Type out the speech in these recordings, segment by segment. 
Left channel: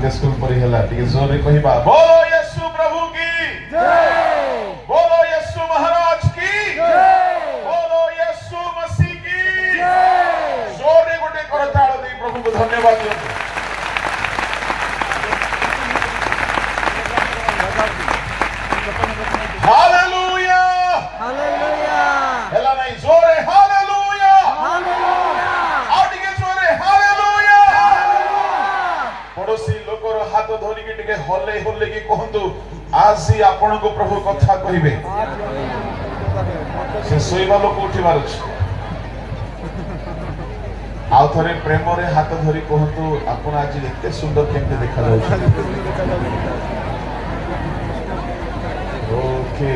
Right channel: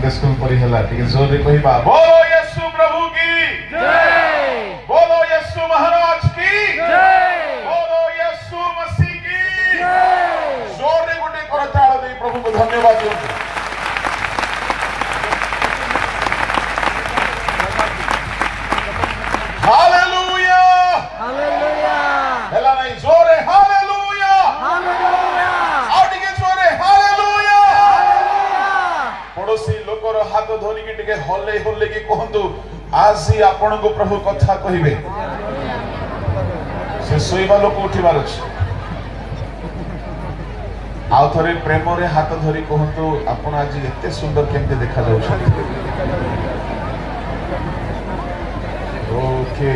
Sunday school पढ़ी हला ठीक जोर रे कहिबा बोलो यीशु प्रभु की जय, बोलो यीशु महाराज की जय, बोलो यीशु मसीह की जय। जोर रे गोटे करताल दे प्रभु को धन्यवाद दियो। हालेलुया हालेलुया हेला नहीं जोर रे हालेलुया हालेलुया और टिके जोर रे हालेलुया। हालेलुया पड़ोसी लोकर हाथ धरि के टिके हल्ले हल्ले के कहंतु आसी आपण को प्रभु कथा कहिबे से सोइबा लोक उठिबार अछि आ थरे प्रेम रे हाथ धरि कहंतु आपण आज एते सुंदर केते देखा जाउ छै। ओके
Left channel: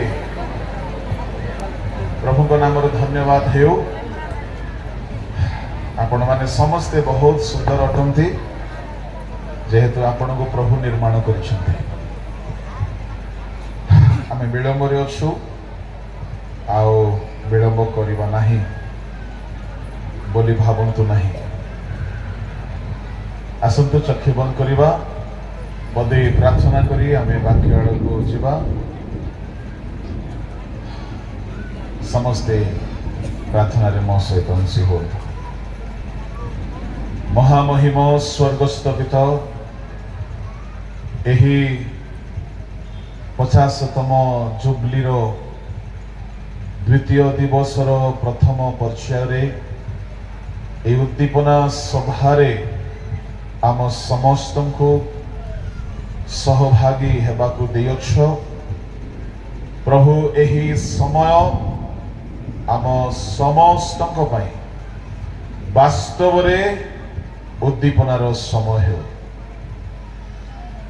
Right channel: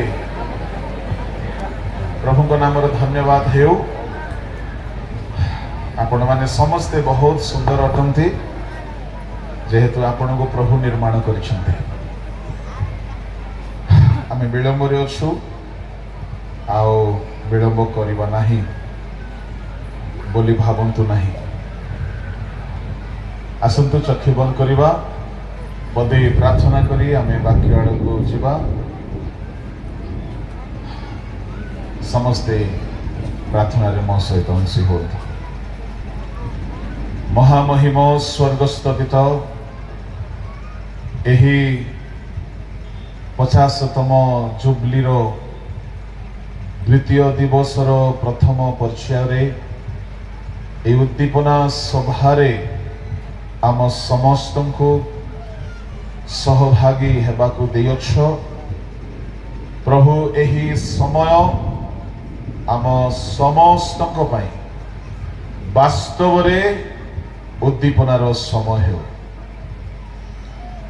प्रभु को नाम रो धन्यवाद हेउ। आपण माने समस्ते बहुत सुंदर अटंती जेहेतु आपण को प्रभु निर्माण करिसंते। आमे विलंब रे अछु आओ विलंब करिबा नाही बोली भावंतु नाही। आसंतु चक्षु बंद करिबा बदे प्रार्थना करी आमे वाक्य को जिबा। समस्ते प्रार्थना रे मो सहित अंशी हो। महामहिम स्वर्गस्थ पिता एही 50तम जुबलीर द्वितीय दिवसर प्रथम पर्याय उद्दीपना सभारे आम समस्त को सहभागी हेबाकु देयछ। प्रभु एही समय आम समस्त वास्तव रे उद्दीपनार समय हो।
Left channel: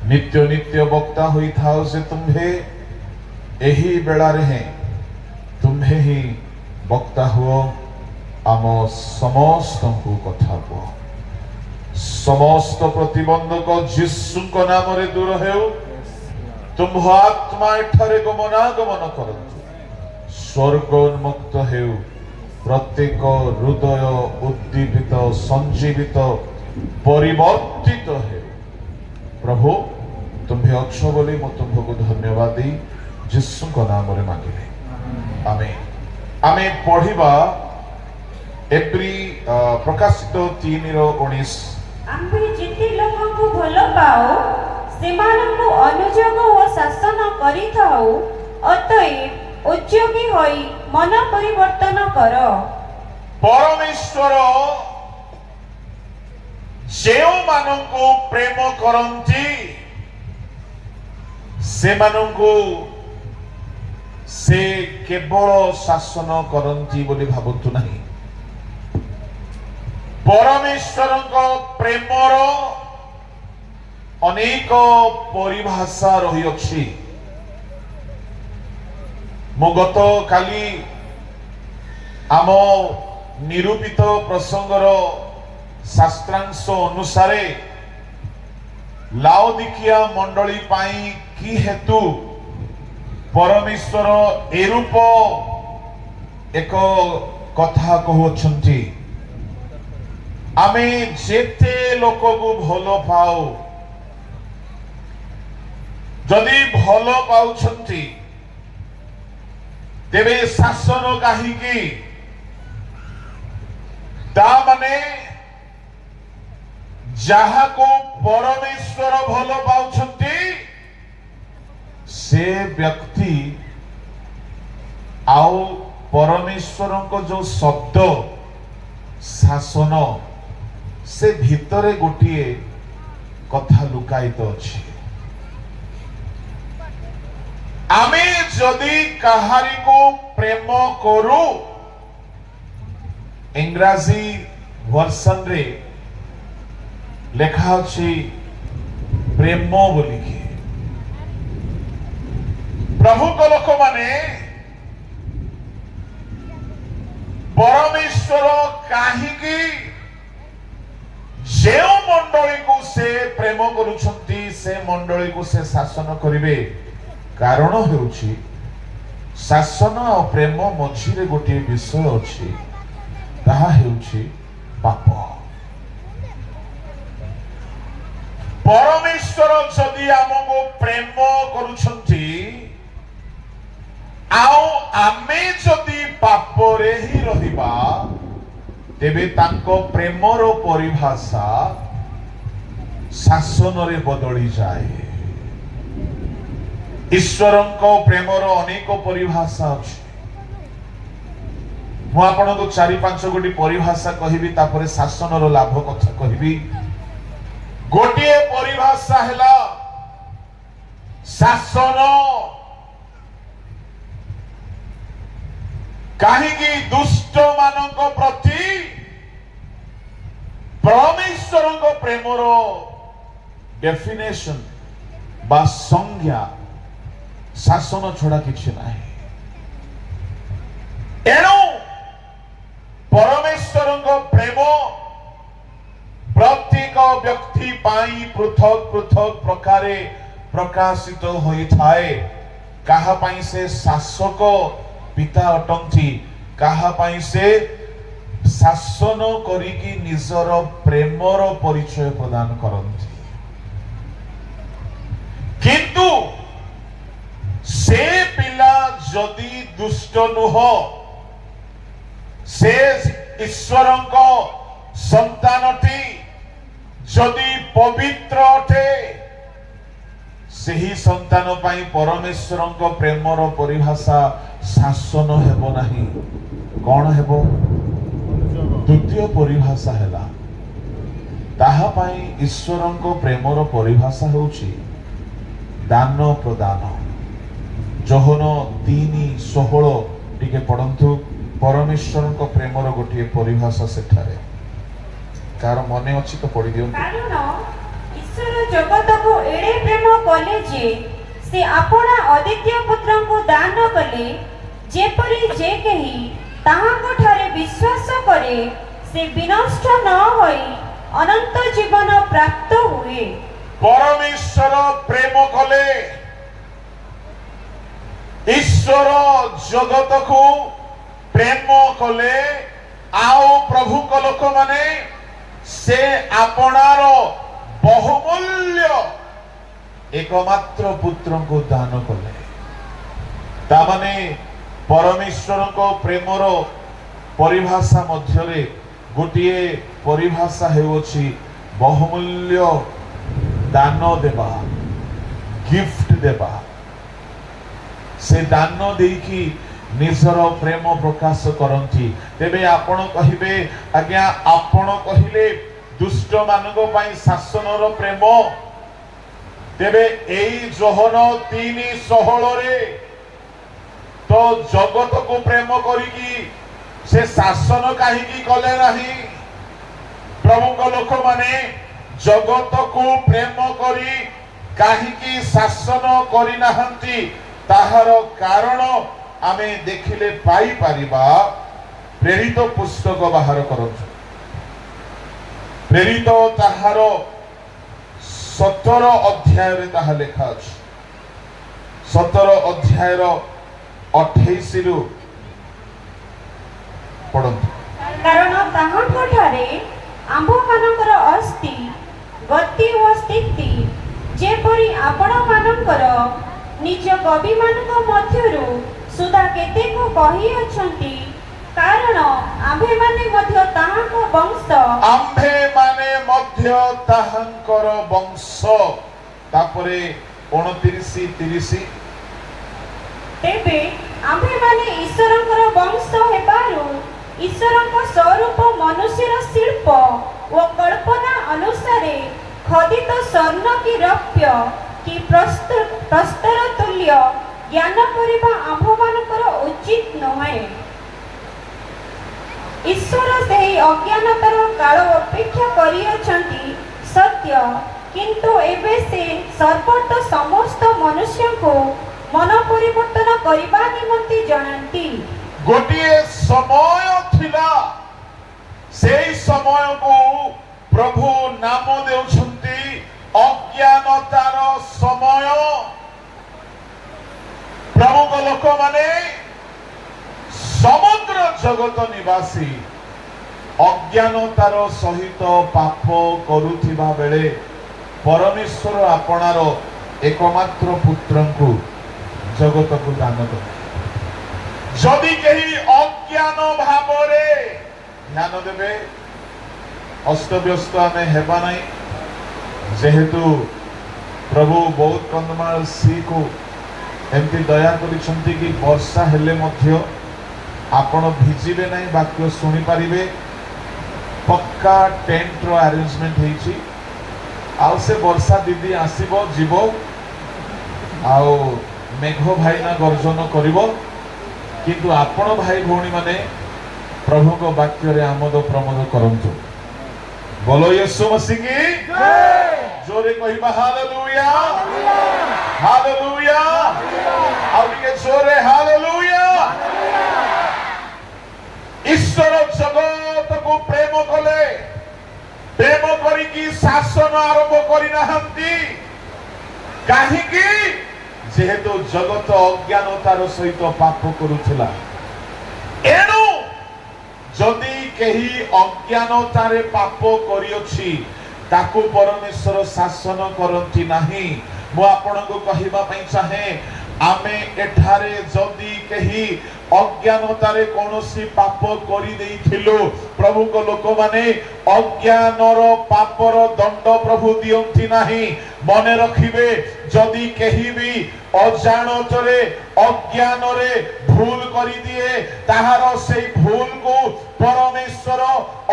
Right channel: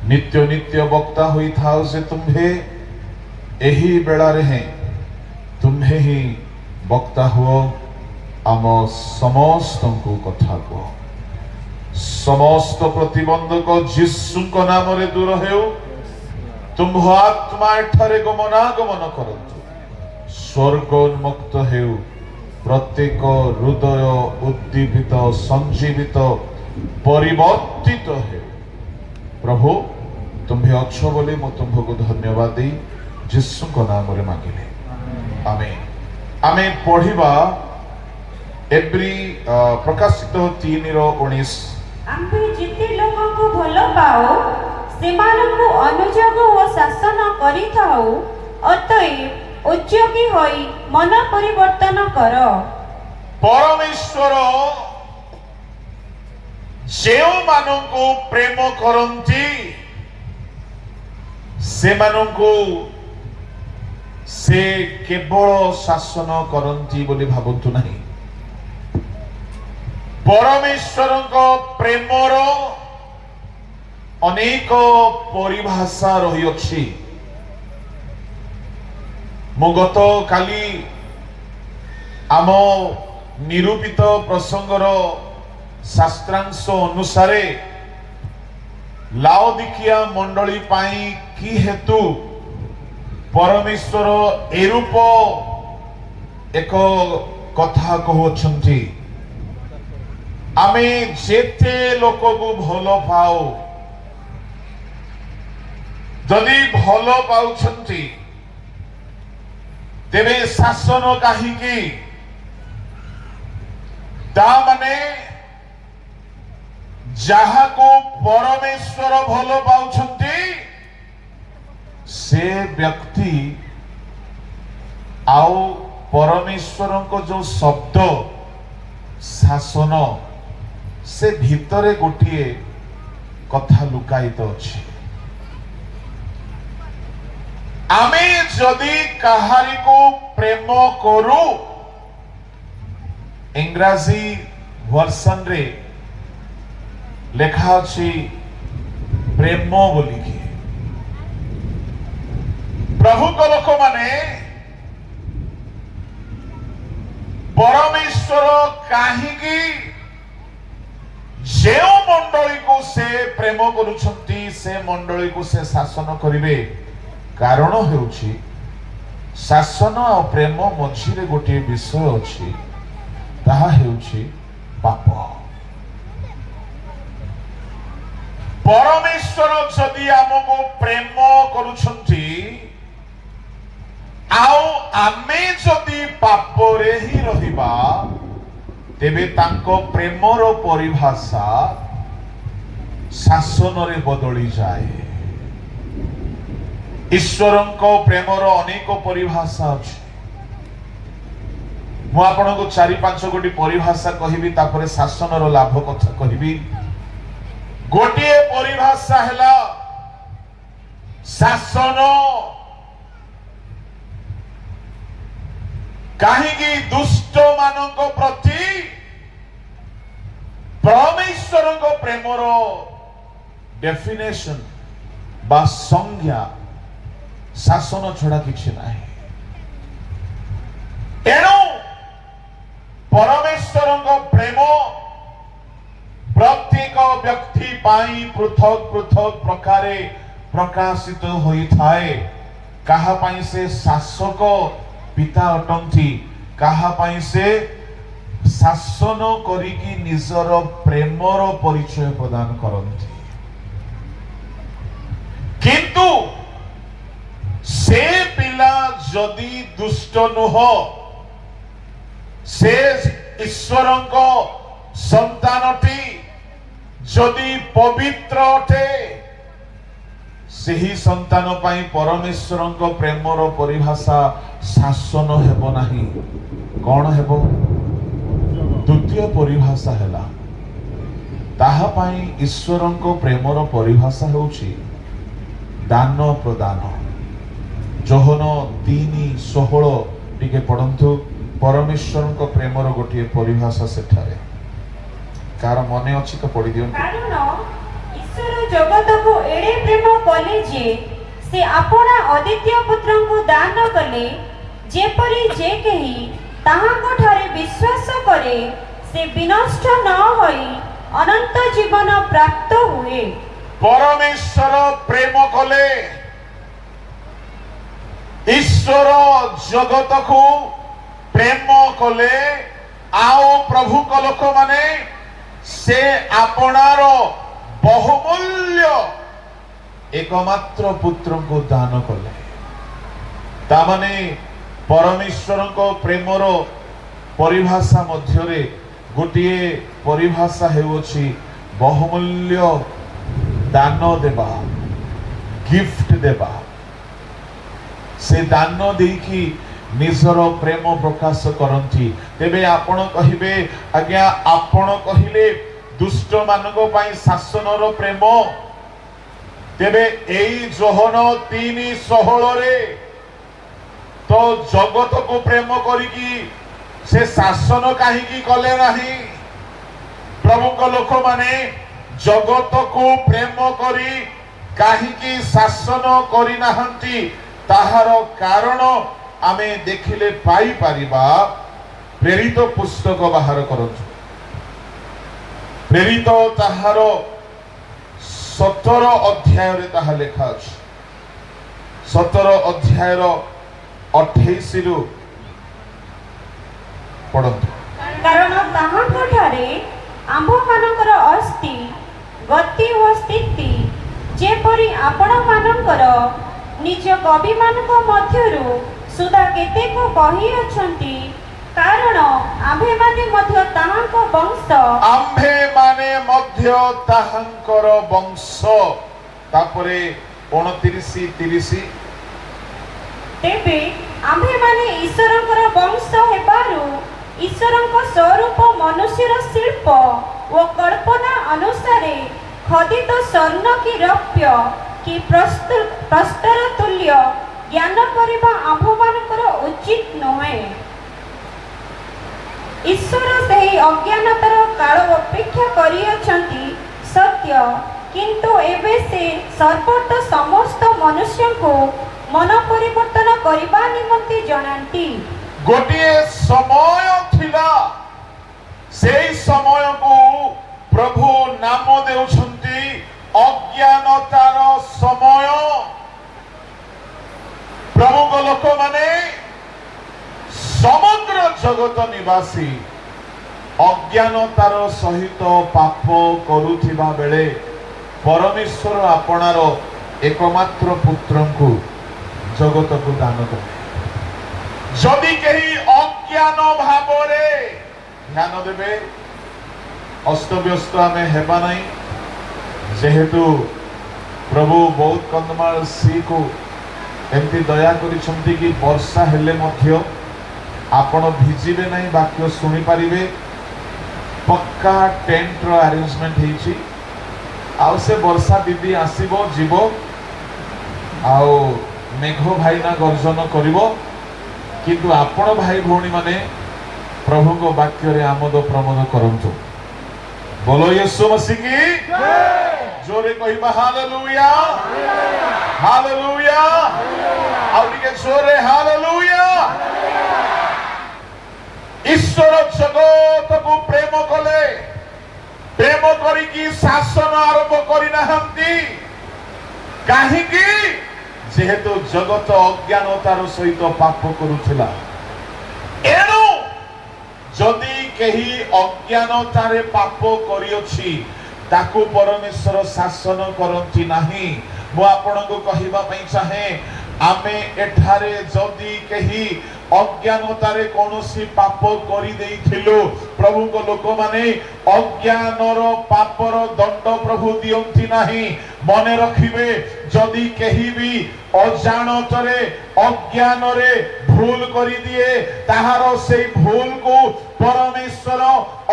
नित्य नित्य वक्ता हुई थाओ से तुम्हे एही बेला रे हैं तुम्हे ही वक्ता हुओ आम समस्त को कथा को समस्त प्रतिबंधक यीशु को नाम रे दूर हेउ। तुम आत्मा ठारे गमनागमन करंतु स्वर्गोन्मुक्त हेउ। प्रत्येक हृदय उद्दीपित संजीवित परिवर्तित हेउ। प्रभु तुम्हें अच्छ बोली मो तुमको धन्यवाद दी यीशु को नाम रे मांगिले आमेन। आमे पढ़िबा एप्री प्रकाशित 3:19 आम्भे जिते लोगों को भलो पाओ सेमानकु अनुजग व शासन करिथाओ अतएव उद्योगी होई मन परिवर्तन कर। परमेश्वर जेउ मानंको प्रेम करंती से मानंको से केवल शासन करंती बोली भाबंतु नहीं। परमेश्वरଙ୍କ प्रेमर अनेक परिभाषा रही अछि। मु गत काली आम निरूपित प्रसंगर शास्त्रांश अनुसारे लाओदिकिया मंडली पाई की हेतु परमेश्वर एरूप एक कथा कहउछंती आमे जेते लोक को भलो पाओ जदि भलो पाउछंती तेरे शासन काहीकि ता माने जहा को परमेश्वर भलो पाउछंती से व्यक्ति आउ परमेश्वर को जो शब्द शासन से भीतरे गोटिए कथा लुकायित अछि। आमे जदि कहारी को प्रेम करू इंग्राजी वर्सन रे लेखा अछि प्रेम बोलिकी। प्रभु को लोक माने परमेश्वर काहीकि जे मंडली को से प्रेम करुछंती से मंडली को से शासन करिवे कारण हेउछि शासन और प्रेम मझिरे गोटे विषय अछि ताहा हेउछि पाप। परमेश्वर जदि आमको प्रेम करुछंती आउ आमे जदि पापरे ही रहिबा तेबे तांको प्रेमर परिभाषा शासन रे बदली जाए। ईश्वरंको प्रेमर अनेक परिभाषा अछि। मु आपनको 4-5 गोटी परिभाषा कहिबी तापर शासनर लाभ कथा कहिबी। गोटिए परिभाषा हैला शासन काहीकि दुष्ट मानक प्रति परमेश्वरଙ୍କ प्रेमर डेफिनेशन बा संज्ञा शासन छड़ा किछि नाही। एणु परमेश्वरଙ୍କ प्रेम प्रत्येक व्यक्ति पाई पृथक पृथक प्रकारे प्रकाशित होई थाए। काहा पाई से शासक पिता अटंती, काहा पाई से शासन करिकी निजर प्रेमर परिचय प्रदान करंती। किंतु से पिला जदि दुष्ट नुह, से ईश्वरଙ୍କ संतानटी जदि पवित्र अटे, सेही संतान पाई परमेश्वरଙ୍କ प्रेमर परिभाषा शासन हेबो नाही। कौन हेबो? द्वितीय परिभाषा हैला ताहा पाई ईश्वरଙ୍କ प्रेमर परिभाषा होउची दान प्रदान। जोहन 3:16 टिके पढंतु। परमेश्वरଙ୍କ प्रेमर गोटिए परिभाषा सेठारे कार मने अछि तो पढि दियौ। कारण ईश्वर जगत को एडे प्रेम कले जे से आपना अद्वितीय पुत्र को दान कले, जेपरि जे केही ताहाको ठारे विश्वास करे से विनष्ट न होई अनंत जीवन प्राप्त हुए। परमेश्वर प्रेम कले, ईश्वर जगत को प्रेम कले। आओ प्रभु को लोक माने से आपणार बहुमूल्य एकमात्र पुत्र को दान कले। तामाने परमेश्वर को प्रेमर परिभाषा मध्यरे गोटिए परिभाषा हेउछि बहुमूल्य दान देबा, गिफ्ट देबा। से दान देकी निजर प्रेम प्रकाश करंती। तेबे आपण कहिबे आज्ञा आपण कहिले दुष्ट मानक पाई शासनर प्रेम। तेबे एई जोहन 3:16 रे तो जगत को प्रेम करिकी से शासन काहीकि कले नाही। प्रभु को लोक माने जगत को प्रेम करी काहीकि शासन करि नाहंती ताहार कारण आमे देखिले पाई पारिबा। प्रेरित पुस्तक बाहर करछु। प्रेरित ताहार 17 अध्याय रे ताहा लेखा अछि। 17 अध्याय रो 28 रु पढନ୍ତୁ। कारण ताहाको ठारे आंभ मानकर अस्थि गति व स्थिति जेपरि आपण मानकर निज कवि मानक मध्यरु सुधा केते को कहि अछंती। कारण आंभे माने मध्य ताहाको वंश, आंभे माने मध्य ताहांकर वंश। तापरे 29-30 तेबे आंभे माने ईश्वरंकर वंश हेबारु ईश्वरंक स्वरूप मनुष्यर शिल्प व कल्पना अनुसारे खदित स्वर्ण की रौप्य की प्रस्तर तुल्य ज्ञान करिबा आंभमानकर उचित नहे। ईश्वर सेही अज्ञानतार काल अपेक्षा करियछंती सत्य, किंतु एबे से सर्वोत समस्त मनुष्य को मन परिवर्तन करिबा निमंते जनांती। गोटिए समय थिला, सेई समय को प्रभु नाम देउछंती अज्ञानतार समय। प्रभु को लोक माने समग्र जगत निवासी अज्ञानतार सहित पाप करुथिबा बेले परमेश्वर आपणार एकमात्र पुत्रंकु जगतकु दान कले जदि केही अज्ञान भावरे ध्यान देबे अस्तव्यस्त आमे हेबा नाही जेहेतु प्रभु बहुत कंदमाल सी को एमती दया करिसंती कि वर्षा हेले मध्य आपण भिजिबे नहीं वाक्य सुनी पारिबे पक्का टेंट रो अरेंजमेंट हेछि आउ से वर्षा दीदी आसीबो जीवो आउ मेघ भाईना गर्जन करिवो किंतु आपण भाई भौणी माने प्रभु को वाक्य रे आमोद प्रमोद करंतु बोलो यीशु मसीह की जय जोरे कहिबा हालेलुया हालेलुया और के जोरे हालेलुया ईश्वर जगत को प्रेम कले प्रेम करी की शासन आरंभ करि नाहंती काहे की जेहेतु जगत अज्ञानतार सहित पाप करुथिला एनु जदि केही अज्ञानतारे पाप करियोछि ताकू परमेश्वर शासन करंती नाही मु आपनको कहिबा पई चाहे आमे एठारे जदि केही अज्ञानतारे कोनोसी पाप करि देइथिलो प्रभु को लोक माने अज्ञानर पापर दंड प्रभु दियंती नाही मने रखिबे जदि केही भी अजाणतरे अज्ञानरे भूल करि दिए ताहार सेई भूल को परमेश्वर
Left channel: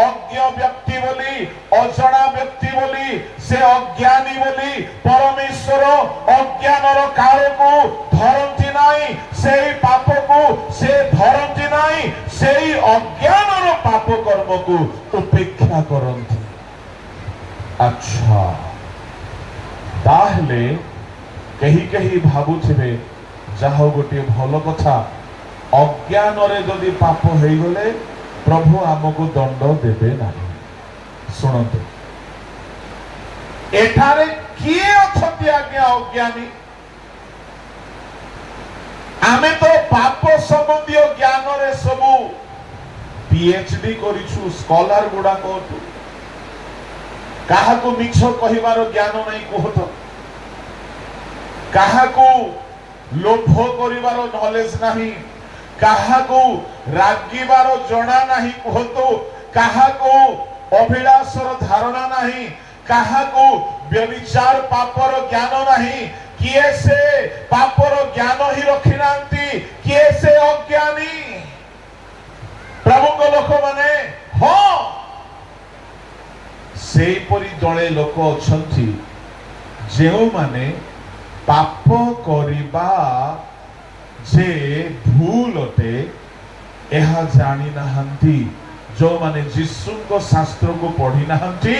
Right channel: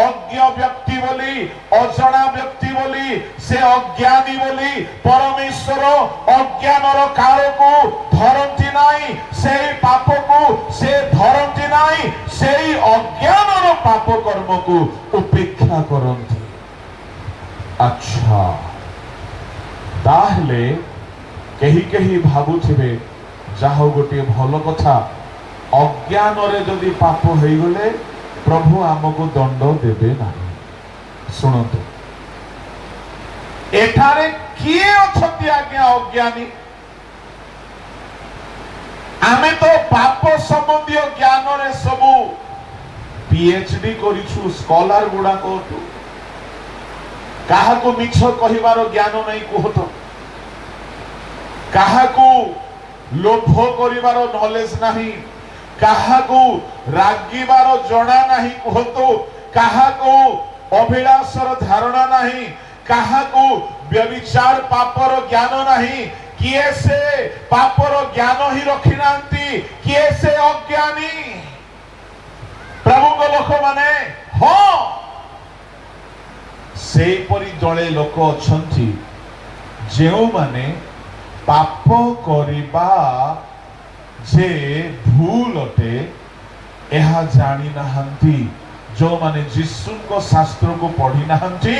अज्ञ व्यक्ति बोली अजणा व्यक्ति बोली से अज्ञानी बोली परमेश्वर अज्ञानर काल को धरंती नाही सेई पाप को से धरंती नाही सेई अज्ञानर पाप कर्म को उपेक्षा करंती अच्छा ताहले केही केही भाबुथिबे जाहो गोटे भलो कथा अज्ञान रे जदि पाप होई गले प्रभु हमको दंड देबे नाही सुनतो एठारे किए अछती आज्ञा अज्ञानी आमे तो पाप संबंधी ज्ञान रे सबु पीएचडी करिछु स्कॉलर गुडा को काहा को मिछ कहिवार ज्ञान नाही कहतो काहा को लोभ करिवार नॉलेज नाही काहा को रागिबार जणा नाही कहतो काहा को अभिलाषर धारणा नाही काहा को व्यभिचार पापर ज्ञान नाही किए से पापर ज्ञान ही रखिनांती किए से अज्ञानी प्रभु को लोक माने हो सेई परि दळे लोक अछंती जेउ माने पाप करिबा जे भूल अटे एहा जानी नाहंती जो माने जिसु को शास्त्र को पढ़ी नाहंती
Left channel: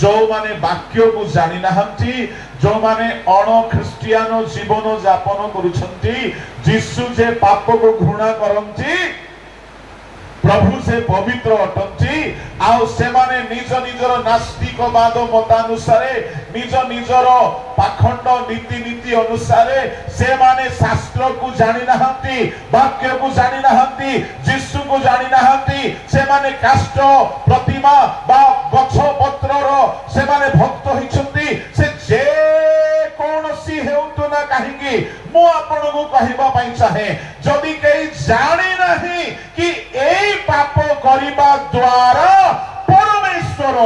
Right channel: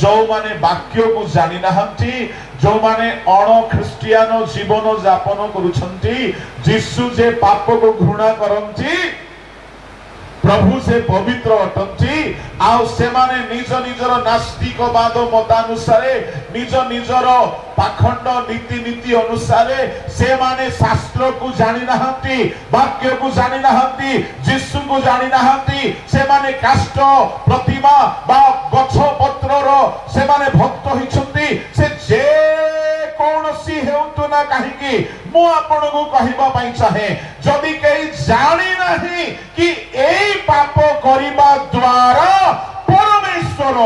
जो माने वाक्य को जानी नाहंती जो माने अण ख्रिस्टियान जीवन यापन करुछंती जिसु जे पाप को घृणा करंती प्रभु से पवित्र अटंती आउ से माने निज निजर नास्तिकवाद मतानुसारे निज निजर पाखंड नीति नीति अनुसारे से माने शास्त्र को जानी नाहंती वाक्य को जानी नाहंती जिसु को जानी नाहंती से माने काष्ट प्रतिमा बा गछ पत्रर से माने भक्त होइछंती से जे कोनसी हेउतु ना काहेकि मु आपन को कहिबा पई चाहे जदि केही जानी नाही कि एई पाप करिबा द्वारा परमेश्वर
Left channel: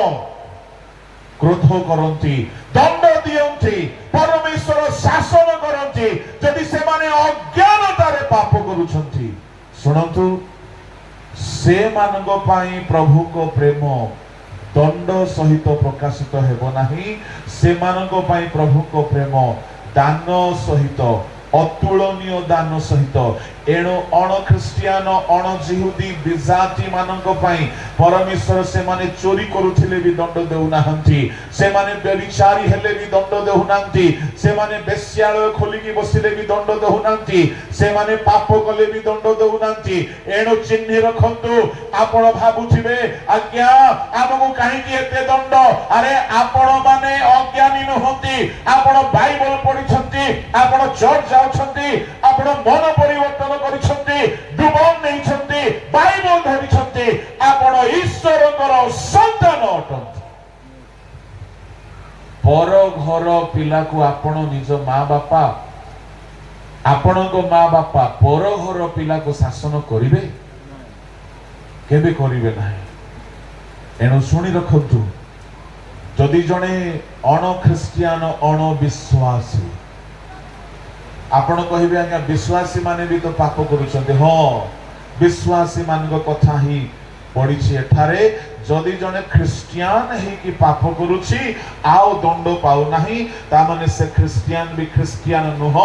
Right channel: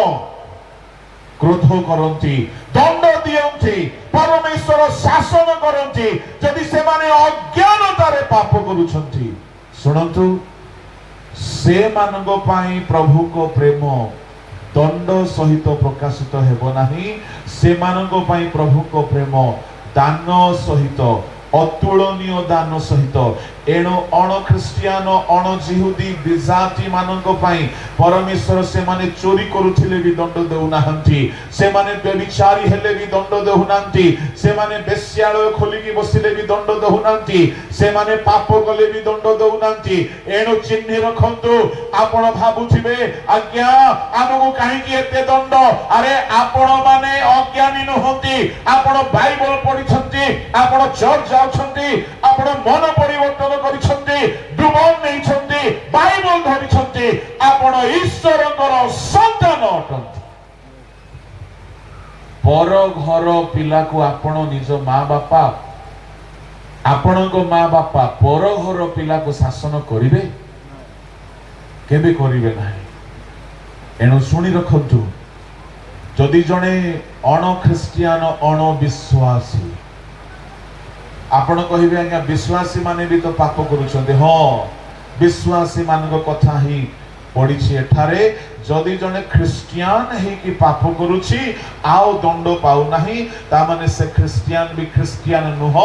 क्रोध करंती दंड दियंती परमेश्वर शासन करंती जदि से माने अज्ञानतारे पाप करूछंती सुनंतु से मानगो पाई प्रभु को प्रेम दंड सहित प्रकाशित हेबो नाही से मानगो पाई प्रभु को प्रेम दान सहित अतुलनीय दान सहित एणु अण ख्रिस्टियान अण जिहुदी विजाति माननको पाई परमेश्वर से माने चोरी करुथिले भी दंड देउ नाहंती से माने व्यभिचारी हेले भी दंड देउ नाहंती से माने बेश्यालय खोलिकी बसिले भी दंड देउ नाहंती से माने पाप कले भी दंड देउ नाहंती एणु चिन्ह रखंतु आपण भाबुथिबे आज्ञा हमकु काहे कि एते दंड अरे आपण माने अज्ञानी नहंती आपण बाइबल पढिछंती आपण चर्च जाउछंती आपण मन परिवर्तन करिछंती डुबन नैछंती बाइबल धरिछंती आपण ईश्वरकर संतान अटंती पर घर पिला को आपण निज माँ बापा आपण को माँ बापा पर घर पिला को शासन करिवे केबे करिवे नाही। एणु सुनी रखंतु जदि जणे अण ख्रिस्टियान अण विश्वासी आपण कहिबे आज्ञा विश्वासी माने भी तो पाप करूछन्ते। हाँ विश्वासी मान कथा ही पड़ी एठारे जदि जने ख्रिस्टियान है कि पाप करुछि आउ दंड पाउ नाही ता माने से ख्रिस्टियान भी ख्रिस्टियान नुह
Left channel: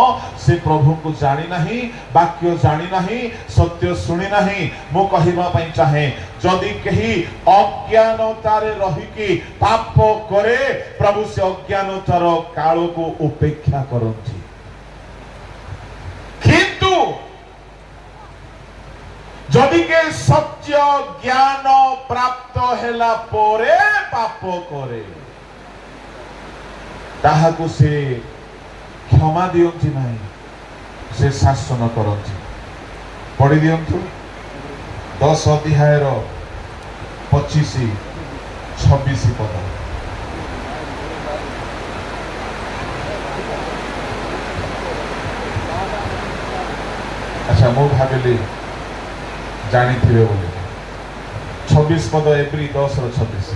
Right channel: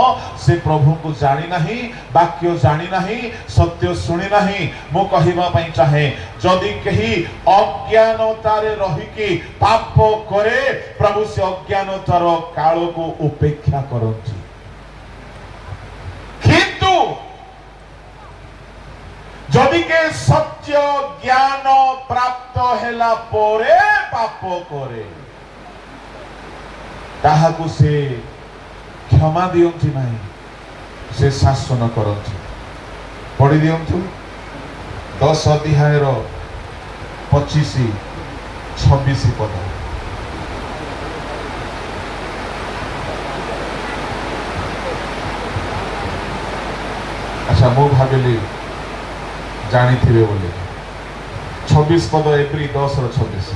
से प्रभु को जानी नाही वाक्य जानी नाही सत्य सुनी नाही। मु कहिबा पई चाहे जदि केही अज्ञानतारे रही कि पाप करे प्रभु से अज्ञानतार काल को उपेक्षा करंती किंतु जदि के सत्य ज्ञान प्राप्त हेला पोरे पाप करे ताहाकु से क्षमा दियंती नहीं से शासन करंती। पढ़ी दियंतु 10 अध्याय 25-26 पद। अच्छा मु भाविली जानी थे बोले 26 पद एप्रिल 10-26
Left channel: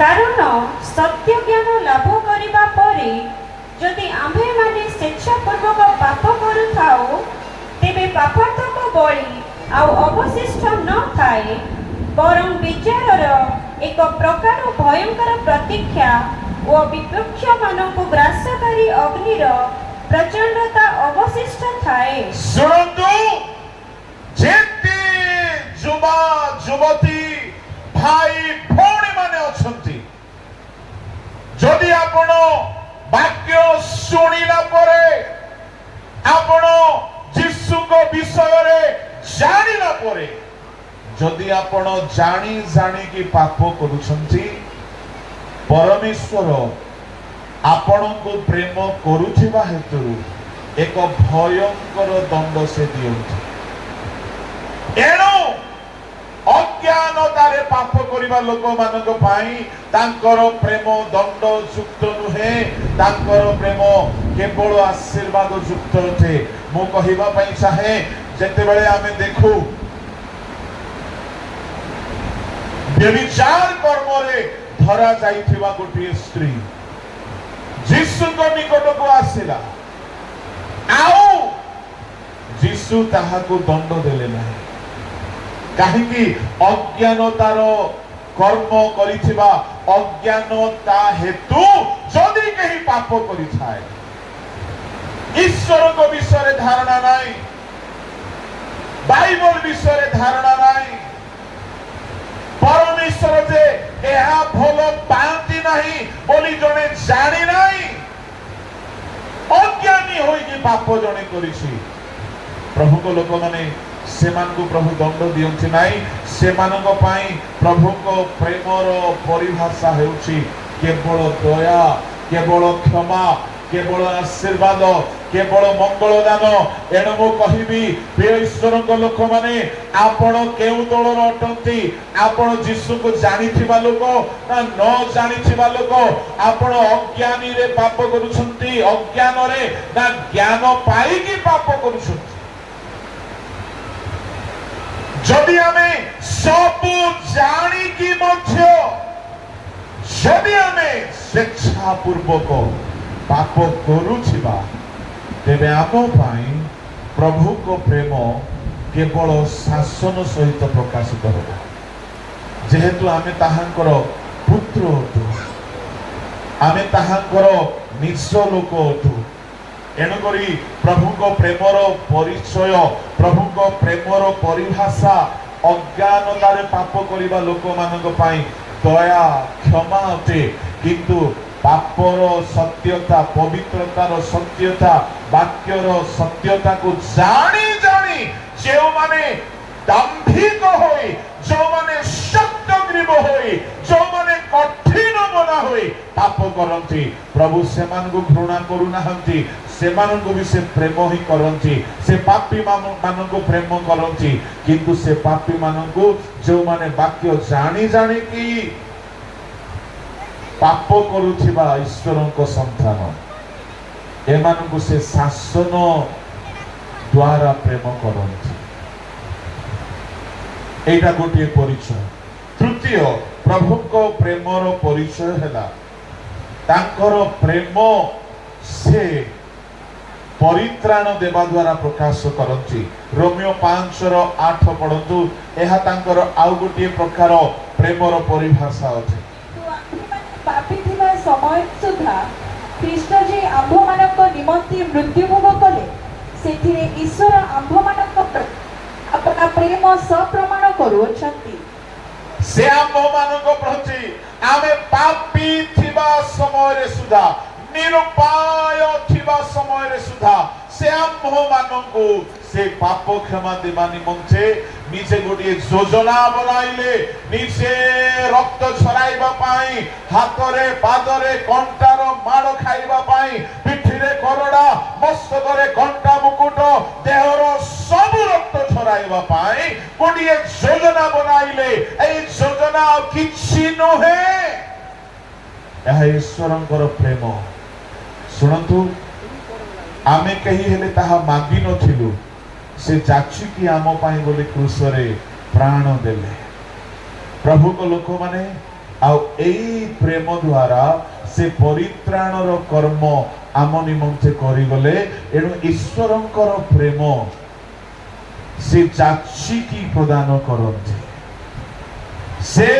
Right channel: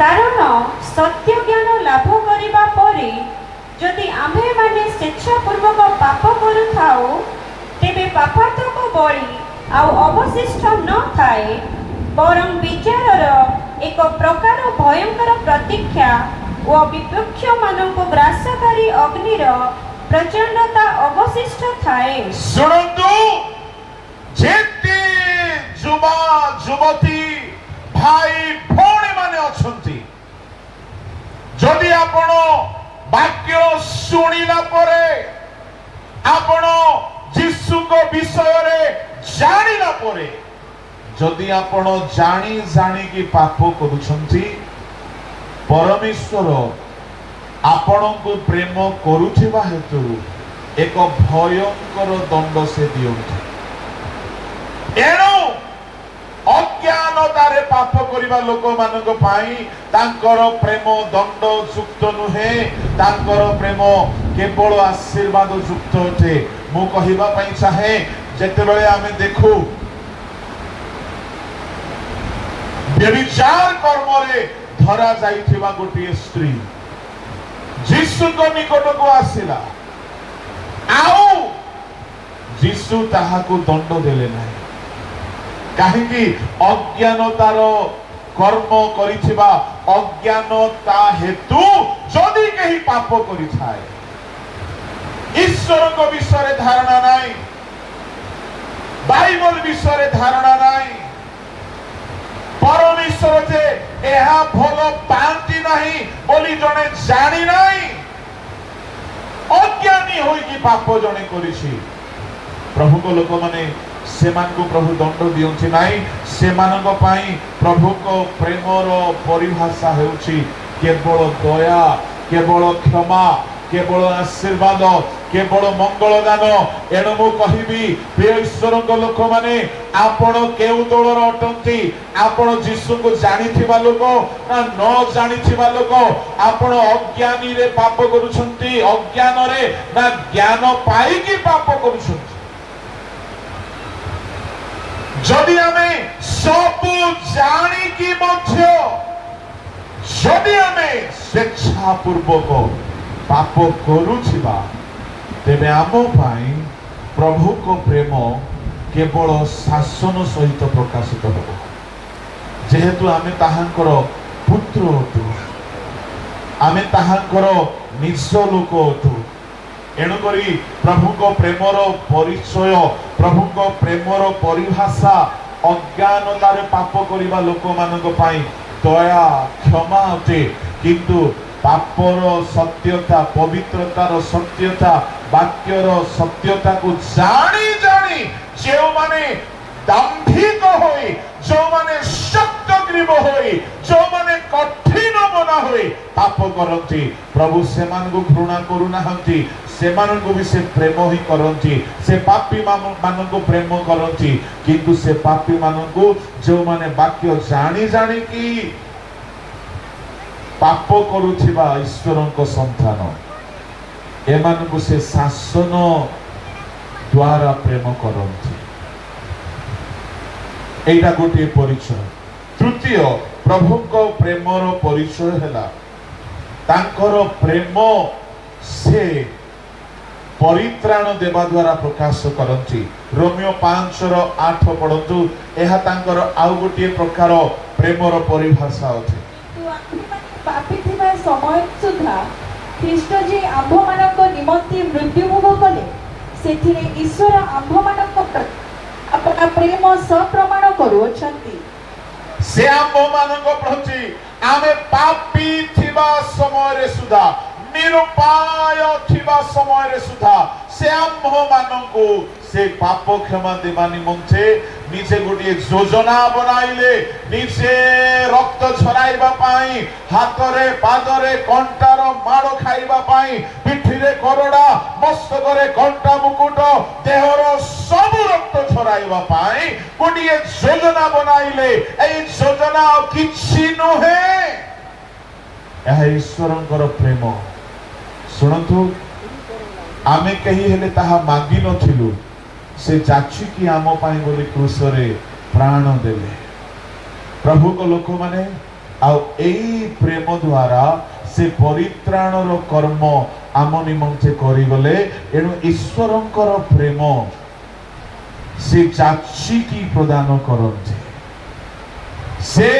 कारण सत्य ज्ञान लाभ करिबा परे जदि आम्भे माने स्वेच्छापूर्वक पाप करुथाओ तेबे पापात्मक बळी आउ अवशिष्ट न थाए बरं विचारर एक प्रकार भयंकर प्रतीक्षा ओ विपक्ष मानको ग्रासकारी अग्निर प्रचंडता अवशिष्ट थाए। सुनंतु जेते युवा युवती भाई भौणी माने अछंती जदि आपण वाक्य सुनिला परे आपण यीशु को विषय रे जानिला परे जदि आपण जानी जानी कि पाप करूछंती परमेश्वर आपण को प्रेम करुथिबा हेतु एक भयंकर दंड से दियंती। एणु अज्ञानतारे पाप करिबा लोक मानक पाई तांकर प्रेम दंड युक्त नुहे तांकर प्रेम केवल आशीर्वाद युक्त अटे। मु कहिबा पई चाहे जेतेबेले आमे देखू व्यभिचार कर्म रे धरा जाइथिबा गोटे स्त्री यीशु को निकट को आसिला आउ यीशु ताहाको दंड देले नाही काहेकि अज्ञानतार कर्म करिथिबा अज्ञानता हेतु जदि केही पाप करिथाए ईश्वर को विषय धारणा नाही बाइबल विषय धारणा नाही परमेश्वर जे एहा भल पांती नहीं बोली जने जानी नहीं अज्ञानी होई कि पाप जने करिछि प्रभु को लोक माने सेमान को प्रभु दंड दियंती नहीं सेमानक पाई प्रभु को प्रेमर परिभाषा हेउछि केवल दया केवल क्षमा केवल आशीर्वाद केवल मंगल दान। एणु मु कहिबी प्रिय ईश्वर को लोक माने आपण केउ दलर अटंती आपण यीशु को जानिथिबा लोक ना न जानिथिबा लोक आपण अज्ञानी रे पाप करूछंती अज्ञान रे ना ज्ञान पाई की पाप करूछंती। जदि हमें सब जानी की मध्य जदि हमें स्वेच्छा पूर्वक पाप करूछिबा तेबे आम पाई प्रभु को प्रेम केवल शासन सहित प्रकाशित हो जेहेतु आमे ताहांकर पुत्र अटु आमे ताहांकर निज लोक अटु एणु करी प्रभु को प्रेमर परिचय प्रभु को प्रेमर परिभाषा अज्ञानतारे पाप करिबा लोक मानक पाई दया क्षमा अटे किंतु पापर सत्यता पवित्रतार सत्यता वाक्यर सत्यता को जानी जानी जो माने दाम्भिक होई जो माने शक्तग्रीव होई जो माने कठिन मना होई पाप करती प्रभु से घृणा करूनाहंती सेमानंकु भी से प्रेम ही करती से पापी मानंकु प्रेम करती किंतु से पापी मानंकु जो माने वाक्य जानी जानी की पाप करुथिबा ईश्वरंको संतान एमानंकु से शासन द्वारा प्रेम करती एटा गोटे परिचय तृतीय प्रभु को प्रेमर परिचय है तांकर प्रेम से परित्राण देवा द्वारा प्रकाश करती रोमियो 5:8 पढ़तु यह तांकर आउ गोटे प्रकार प्रेमर परिभाषा अछि पापी थिबा समय सुधा ख्रीष्ट जे आम्भ मानक निमंते मृत्यु भोग कले सेथिरे ईश्वर आम्भ मानक अपना प्रेम सप्रमाण करूछंती से आम्भ मानक प्रति आमे पापी थिबा समय रे सुधा निरुपाय थिबा समय रे सुधा से आम्भ मानकु से पाप क्षमा देवा निमंते निजे गोटे योजना बनाइले निजे रक्त छराइबा पाई हातरे पादरे कंटार माड़ खाइबा पाई पिठिरे करड़ा मस्तकरे कंटा मुकुट देहर सब रक्त छराइबा पाई गोटे योजना बनाइले ए योजना किछि नहे यह ईश्वरंकर प्रेम सुनतु आमे कही हेले ताहा मांगी नथिलु से जाची की आम पाई बोले क्रूसरे प्राण देले प्रभु को लोक माने आ एई प्रेम द्वारा से परित्राणर कर्म आम निमंते करि गले एनु ईश्वरंकर प्रेम से जाची की प्रदान करते से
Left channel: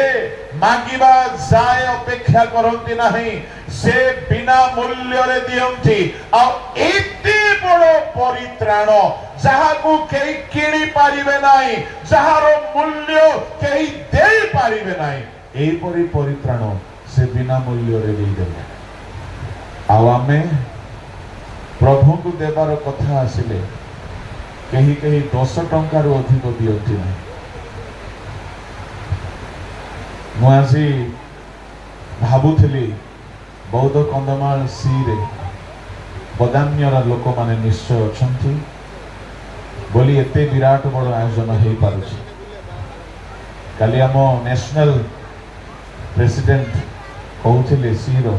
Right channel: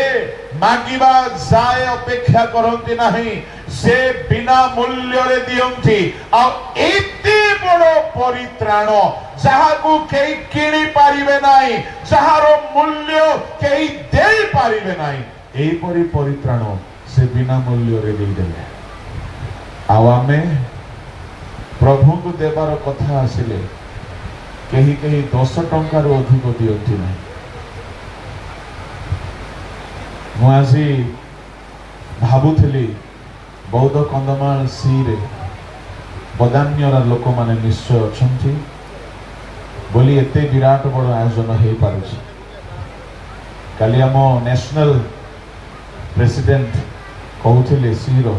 मागिबा जाय अपेक्षा करते नहीं से बिना मूल्य रे दियंती आ एते बड़ परित्राण जहाकू केही किणी पारिबे नाही जहार मूल्य केही देई पारिबे नाही एई परि परित्राण से बिना मूल्य रे देई देले आ आमे प्रभु को देबार कथा आसिले केही केही 10 टंका रो अधिक दियंती नाही मुआजी भाबुथिली बौद्ध कंदमाल सी रे बदान्यर लोक माने निश्चय अछंती बोली एते विराट बड़ आयोजन हे पारुछि काली हम नेशनल प्रेसिडेंट कहउथिले सी रो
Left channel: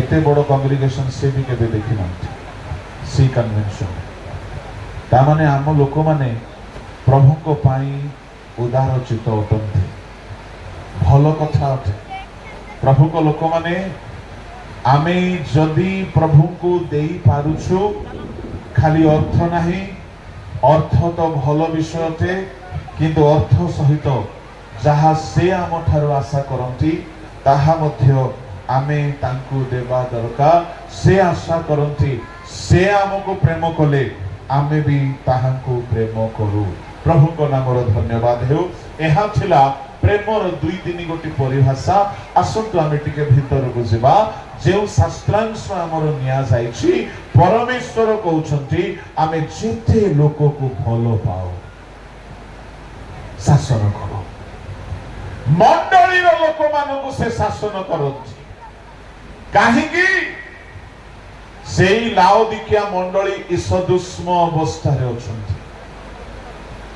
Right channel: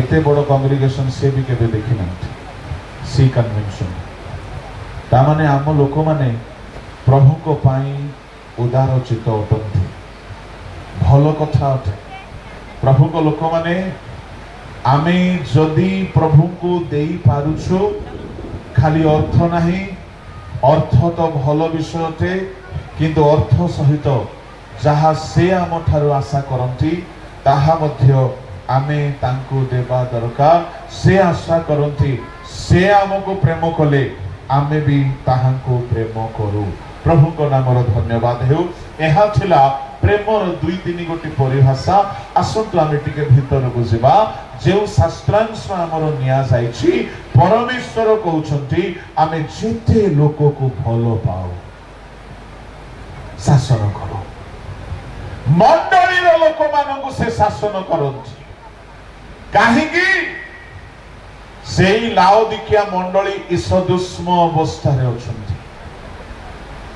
एते बड़ कांग्रेगेशन से भी केबे देखि नथि सी कन्वेंशन ता माने हम लोक माने प्रभु को पाई उदार चित्त अटंती भलो कथा अटे प्रभु को लोक माने आमे जदि प्रभु को देई पारुछु खाली अर्थ नहीं अर्थ तो भलो विषय अटे किंतु अर्थ सहित जहा से आम ठारो आशा करंती ताहा मध्य आमे तांको देवा दरकार से आशा करंती से आमको प्रेम कले आमे भी ताहांको प्रेम करू प्रभु को नामर धन्यवाद हेउ एहा थिला प्रेमर दुई तीन गोटी परिभाषा आसंतु आमे टिके भीतर को जिबा जे शास्त्रांश हमर निया जाईछि परमेश्वर कहउछंती आमे जेते लोक को भलो पाओ शासन करो मंडली रो लोक मानकु से शासन करंती काहे की सेई लाओदिकिया मंडली ईसदुष्म अवस्था रे अछंती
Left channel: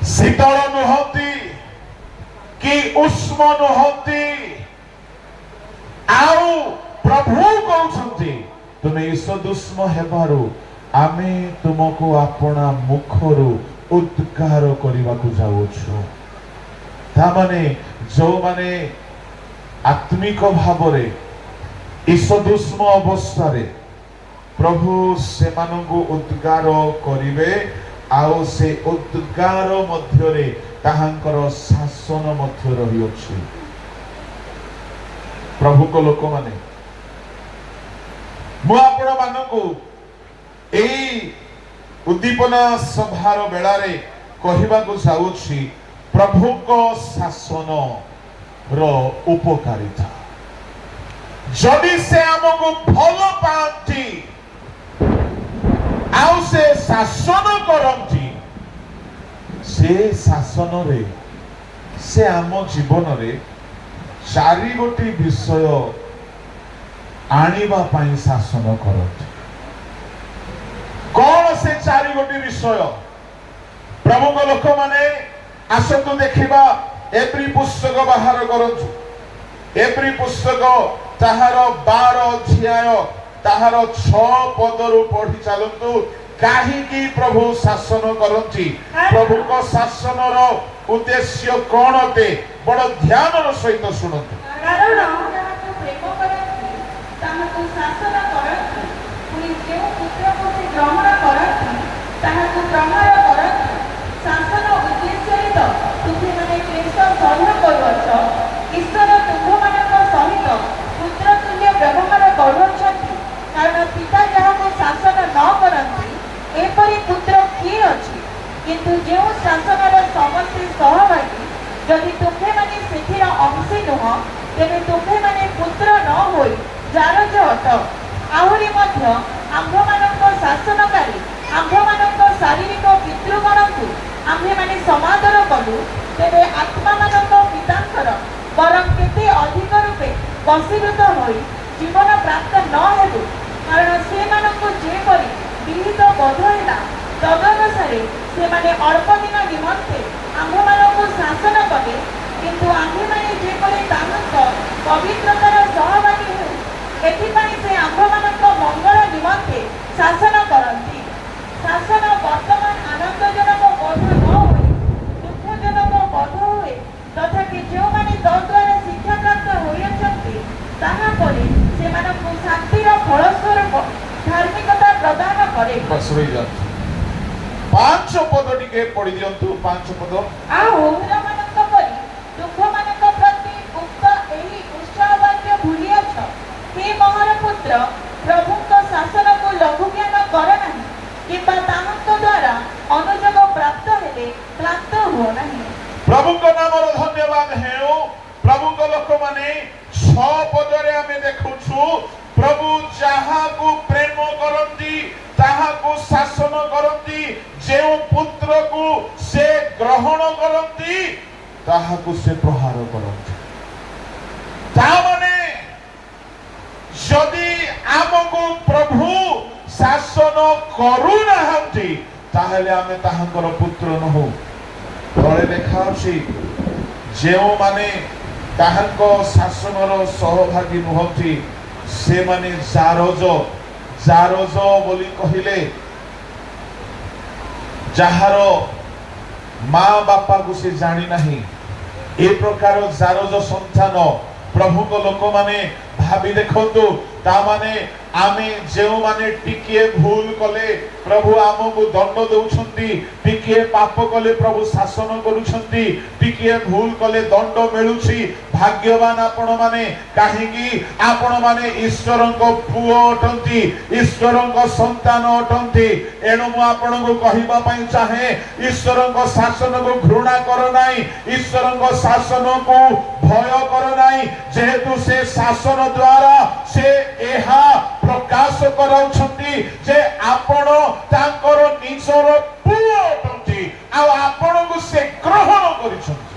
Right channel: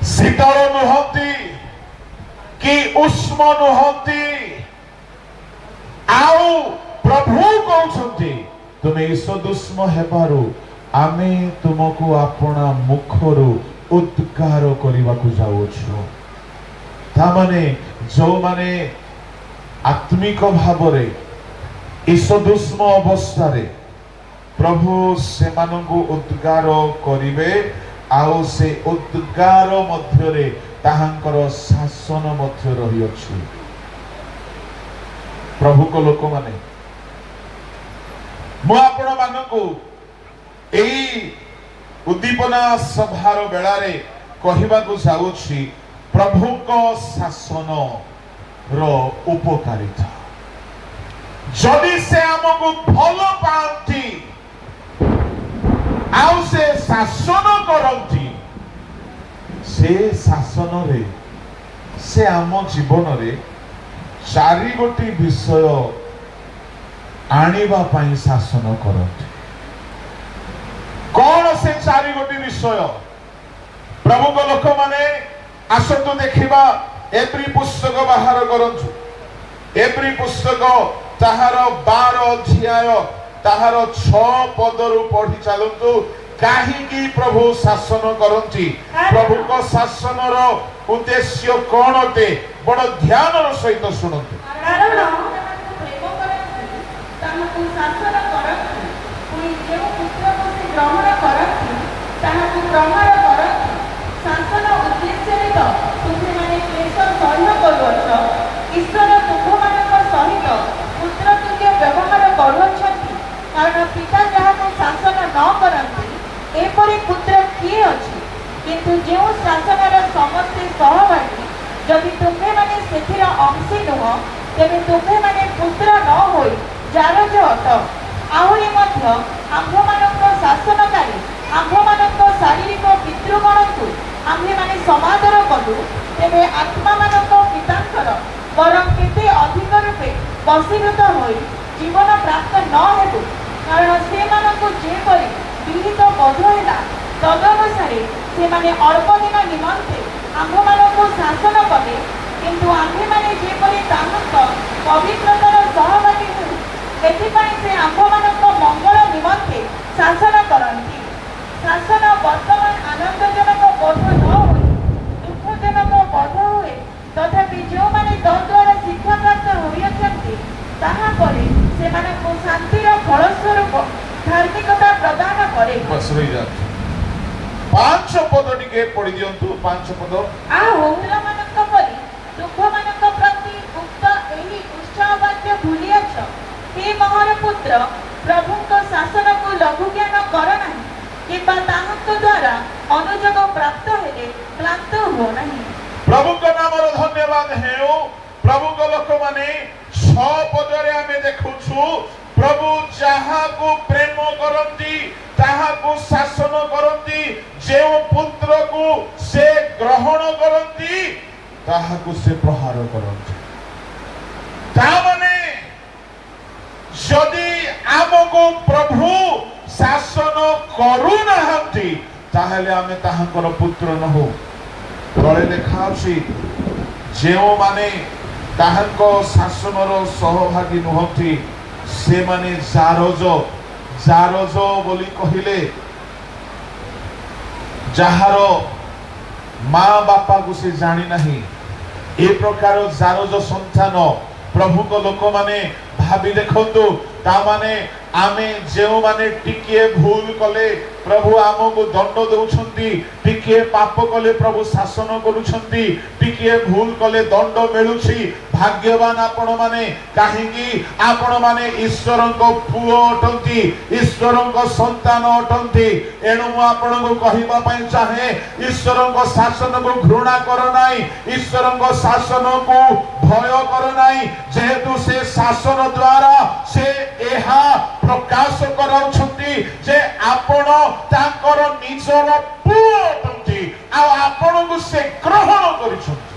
शीतल नुहंती कि उष्म नुहंती आउ प्रभु कहउछंती तुमे ईसदुष्म हेबारु आमे तुमको आपना मुखरु उद्गार करिबाकु जाउछु ता माने जो माने आत्मिक भावरे ईसदुष्म अवस्था रे प्रभु से मानंगु उद्गार करिवे आउ से उद्गार मध्य रे ताहांकर शासन मध्य रही अछि प्रभु को लोक माने मु आपण मानंगु एई उद्दीपना सभार बेला रे कहिबाकु जाउछि प्रभु को शासन रो उपकारिता जदि से हमको भलो पांती आउ से शासन करंती से शासन रे से आम जीवन रे चारि गोटी विषय आनिबा पाई शासन करते कौन से चारि गोटी विषय प्रभु को लोक माने आसतु देखिबा एप्री पुस्तक बाहर करछु एप्री पुस्तक ताहार 12 अध्याय ताहार 6 पदरु पढ़ी चलतु काहीकि प्रभु शासन करंती प्रभु को शासन रो उद्देश्य कोन ते बड़ ध्यान रो सहित सुनतु कारण प्रेम करती ताहाकु शासन करती पुनी जेउ पुत्रको से ग्रहण करती ताहाकु ग्रहण करती शासन उद्देश्य रे तो तुमे माने क्लेश सहन करूछ ईश्वर तुमମାନଙ୍କ सहित पुत्र तुल्य व्यवहार करूछंती कारण पिता जहाको शासन न करती एपरि पुत्र किए अछि किंतु जेउ शासनर समस्त सहभागी जदि तुमे माने सेथिर अंशी नुह तेबे तुमे माने पुत्र न होई जारज अट आहुरी मध्य आम्भମାନଙ୍କ शासनकारी आम्भମାନଙ୍କ शारीरिक पितृगणଙ୍କୁ आम्भेमाने समादर कलु तेबे आत्माମାନଙ୍କ पिताଙ୍କର वरं केते अधिक रूपे वशीभूत होई जीवन प्राप्त न हेतु कारण सेମାନଙ୍କୁ जेपरि विहित बोध होला तदनुसारे सेमाने अल्प दिन निमंते आम्भମାନଙ୍କୁ शासन कले किंतु आम्भेमाने जेपरि ताहाଙ୍କ पवित्रतार सहभागी होई एथिपाई से आम्भମାନଙ୍କ मंगल निमंते शासन करନ୍ତି शासन वर्तमान आनंदजनक बोध न होई दुःखजनक बोध हुए तथापि जोमाने तद्वारा शिक्षा प्राप्त होइछन्ति ताहा करे सेମାନଙ୍କୁ शान्तिर फलस्वरूप धार्मिकता प्रदान करे बस रही जात 5 पद टिके पढ़ी दियंतु 5 पद आओ पुत्रମାନଙ୍କ परि दुःखମାନଙ୍କ प्रति उक्त एही उत्साहवाक्य भूलिएछ हे महान पुत्र प्रभुଙ୍କ शासनକୁ लघु ज्ञान कर ନାହିଁ किंबा ताहाଙ୍କ द्वारा अनुजोग प्राप्त हेले क्लांत हो नहीं प्रभु को नाम रो धन्यवाद हेउ प्रभु को लोक माने 6 पदरे हमें देखुछु प्रभु जहा को प्रेम करंती ताहा को शासन करंती जे पुत्र को से ग्रहण करंती ताहा को से प्रहार करंती ता माने जदि आमको प्रभु शासन करू नाहंती ताहेले आमे ताहांकर पुत्र न हो तळे लेखा अछि जेउ माने ताहांको शासनर सहभागी नहंती से माने जारज बोली कहिले जहार माँ बापा को से जानी नहीं ए प्रकार जारज संतान प्रभु को लोक माने भाबी देखंतु ता माने आमे जेउ माने टिके भूल कले प्रभु आमको दंड दउछंती टिके पाप कले प्रभु शासन करूछंती टिके भूल कले दंड मिलुछि भाग्यवान आपण माने काहे कि आपण माने ईश्वरन को पुओ अटंती ईश्वरन को संतान अटंती एणु मु आपण को कहिबा पई चाहे ईश्वरन को शासन को घृणा कर नाही ईश्वरन को शासन को भय कर नाही जेहेतु से शासन द्वारा से एहा प्रकाश कराउछंती जे आपण तांकर निजर पुओ अटंती आ आपण को से ग्रहण करिछंती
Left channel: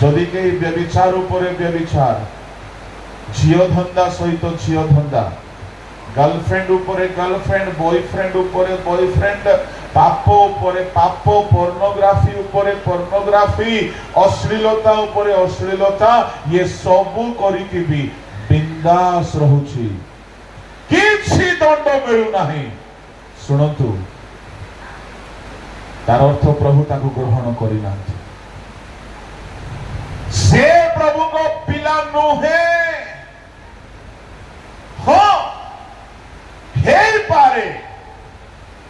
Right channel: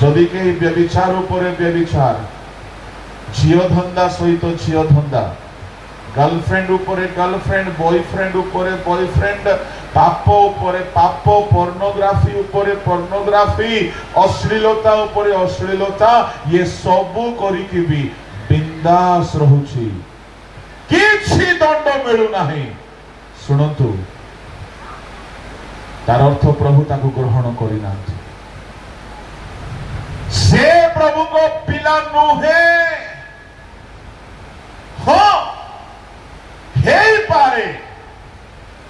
जदि के व्यभिचार उपरे व्यभिचार झियो धंदा सहित झियो धंदा गर्लफ्रेंड उपरे गर्लफ्रेंड बॉयफ्रेंड उपरे बॉयफ्रेंड पाप उपरे पाप पोर्नोग्राफी उपरे पोर्नोग्राफी अश्लीलता उपरे अश्लीलता ये सबु करिकि भी बिंदास रहुछि किछि दंड मिलु नाही सुनंतु तार अर्थ प्रभु ताकु ग्रहण करि नाथि से प्रभु को पिला नुहे हाँ हे पारे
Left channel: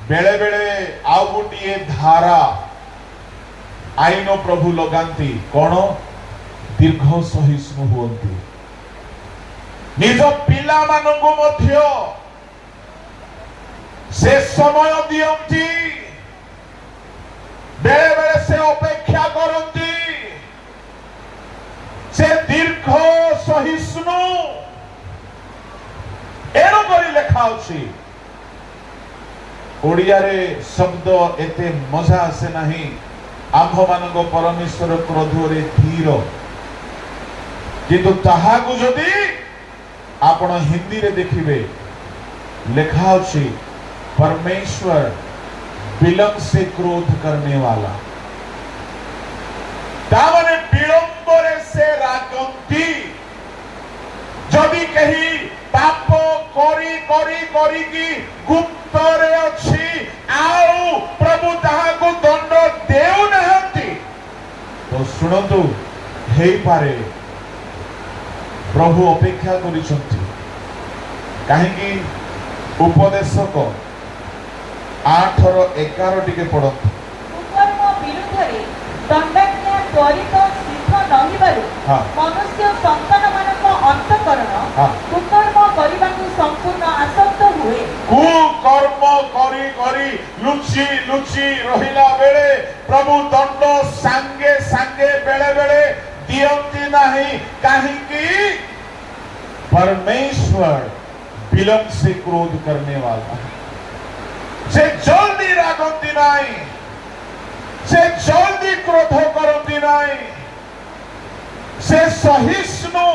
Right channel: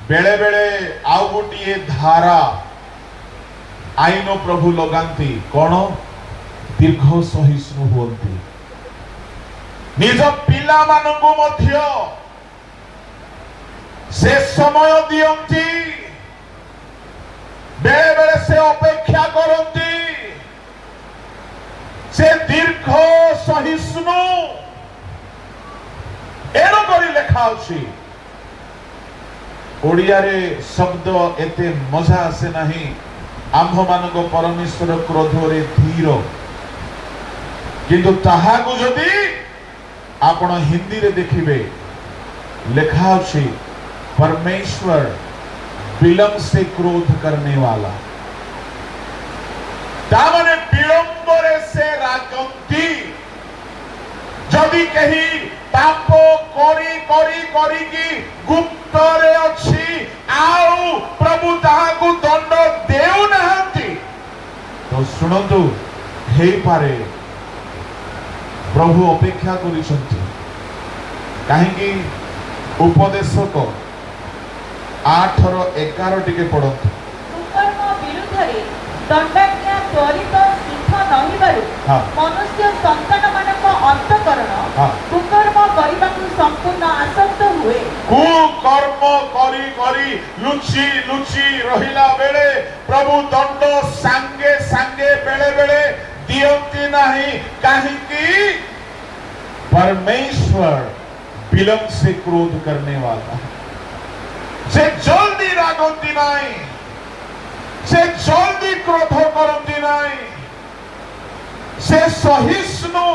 बेले बेले आउ गोटे धारा आईन प्रभु लगांती कौन दीर्घ सहिष्णु हुअंती निज पिला मानकु मध्य से समय दियंती बेले बेले से अपेक्षा करंती से दीर्घ सहिष्णु एणु करी लेखा अछि ओडिया रे शब्द एते मजा आसे नाही आम्भ मानक परमेश्वर क्रोध रे धीर किंतु ताहा को जदि आपण हिंदी रे देखिबे लिखा अछि परमेश्वर विलंब से क्रोध करने वाला तामने विलंबरे से रागंती जदि कही पाप करी करी करी की गुप्तरे अछि आउ प्रभु ताहाकु दंड देउ नहंती तो सुनंतु हे पारे प्रभु अपेक्षा करिसंती काहेकि उपदेशक 8:11 टिके पढंतु कुकर्म विरुद्धरे दंडाज्ञा त्वरित सिद्ध नहिबारु हाँ। मनुष्य संतान मानक अंतकरण हाँ। कुकर्म करिबाकु संपूर्ण आसक्त हुए कुकर्म करी करी लुचि लुचि रहिला बेले प्रभु दंड सांगे सांगे बेले बेले दियंती नहीं काहेकि परमेश्वर विलंब से क्रोध करने वाला है से जल्दी रागंती नहीं से जल्दी क्रोध करती नहीं से सहिष्णु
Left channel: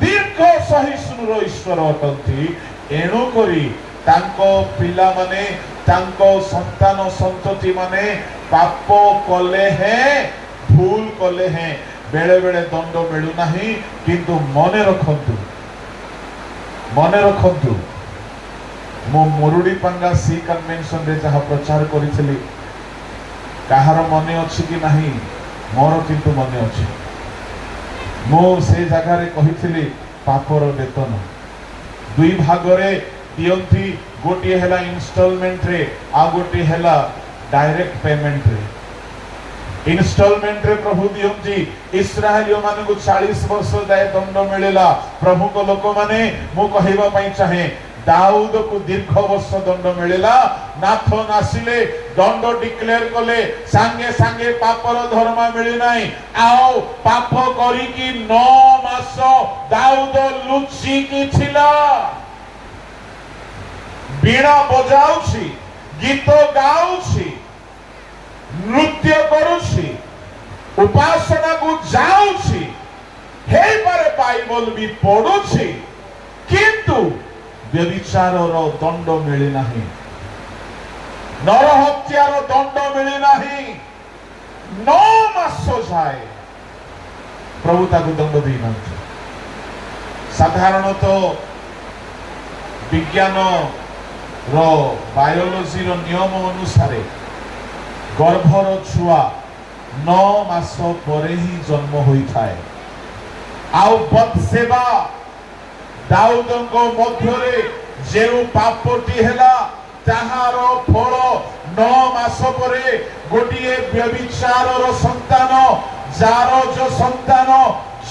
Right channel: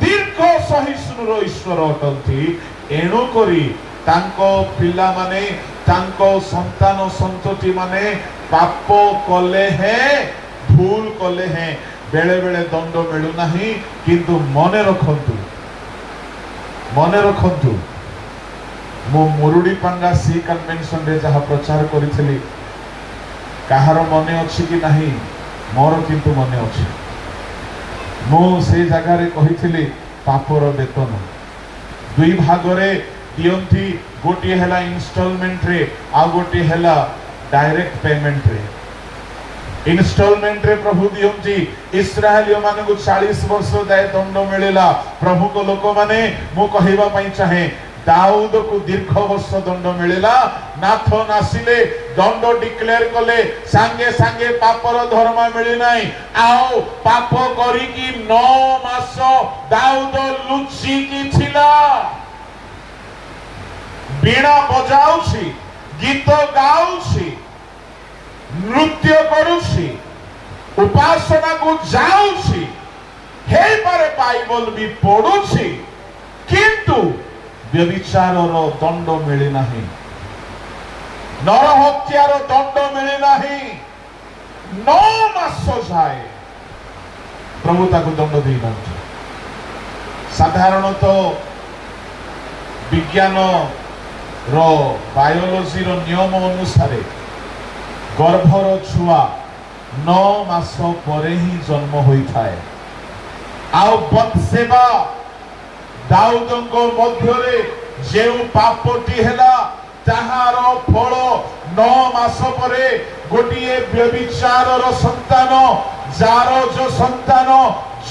दीर्घ सहिष्णुर ईश्वर अटंती एणु करी तांको पिला माने तांको संतान संतति माने पाप कले हैं भूल कले हैं बेले बेले दंड मिलू नहीं किंतु मने रखंतु मो मुरुडी पंगा सी कन्वेंशन रे जहा प्रचार करिथिली काहार मने अछि कि नहीं मोर किंतु मने अछि मो से जगह रे कहिथिली पापर वेतन दुई भाग रे दियंती गोटी हेला इंस्टॉलमेंट रे आ गोटी हेला डायरेक्ट पेमेंट रे इंस्टॉलमेंट रे प्रभु दियंती इस्राएलियो माने को 40 वर्ष दाय दंड मिलेला प्रभु को लोक माने मु कहिबा पई चाहे दाऊद को दीर्घ वर्ष दंड मिलेला नाथन आसिले दंड डिक्लेयर कले सांगे सांगे पापर धर्म मिली नाही आओ पाप करी की 9 मास दाऊद लुचि की छिला बीणा बजाउछि गीत गाउछि नृत्य करुछि उपासना को जाउछि हे पारे बाइबल भी पढुछि किंतु व्यभिचारर दंड मिले नहीं नर हत्यार दंड मिले नहीं 9 मास जाए प्रभु ताको दंड दी नथि साधारणतः विज्ञान रो बायोलॉजी रो नियम अनुसार गर्भर छुआ 9 मास परे ही जन्म होई थाए आउ बत्सेबा दाऊदंको मध्यरे जेउ पापटी हेला ताहार फल 9 मास परे गोटिए व्यभिचारर संतान जार जो संतान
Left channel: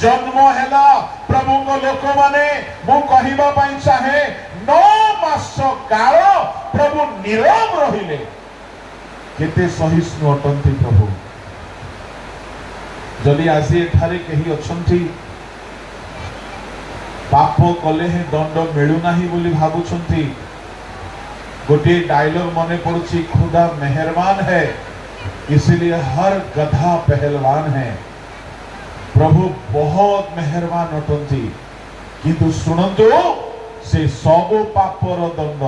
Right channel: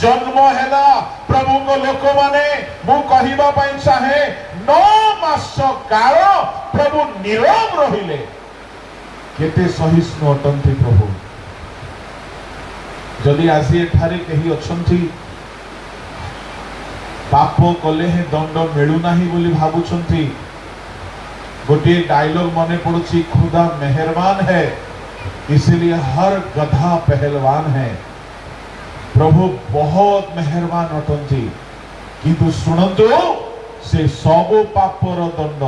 जन्म हेला प्रभु को लोक माने मु कहिबा पई चाहे 9 मास काल प्रभु नीरव रहिले केते सहिष्णु अटंती प्रभु जदि आज एठारे कही अछंती पाप कले ही दंड मिलू नाही बोली भाबुछंती गोटे डायलॉग मने पड़ुछि खुदा मेहरबान है इसलिए हर गधा पहलवान है प्रभु बहुत मेहरबान अटंती किंतु सुनंतु से सब पापर दंड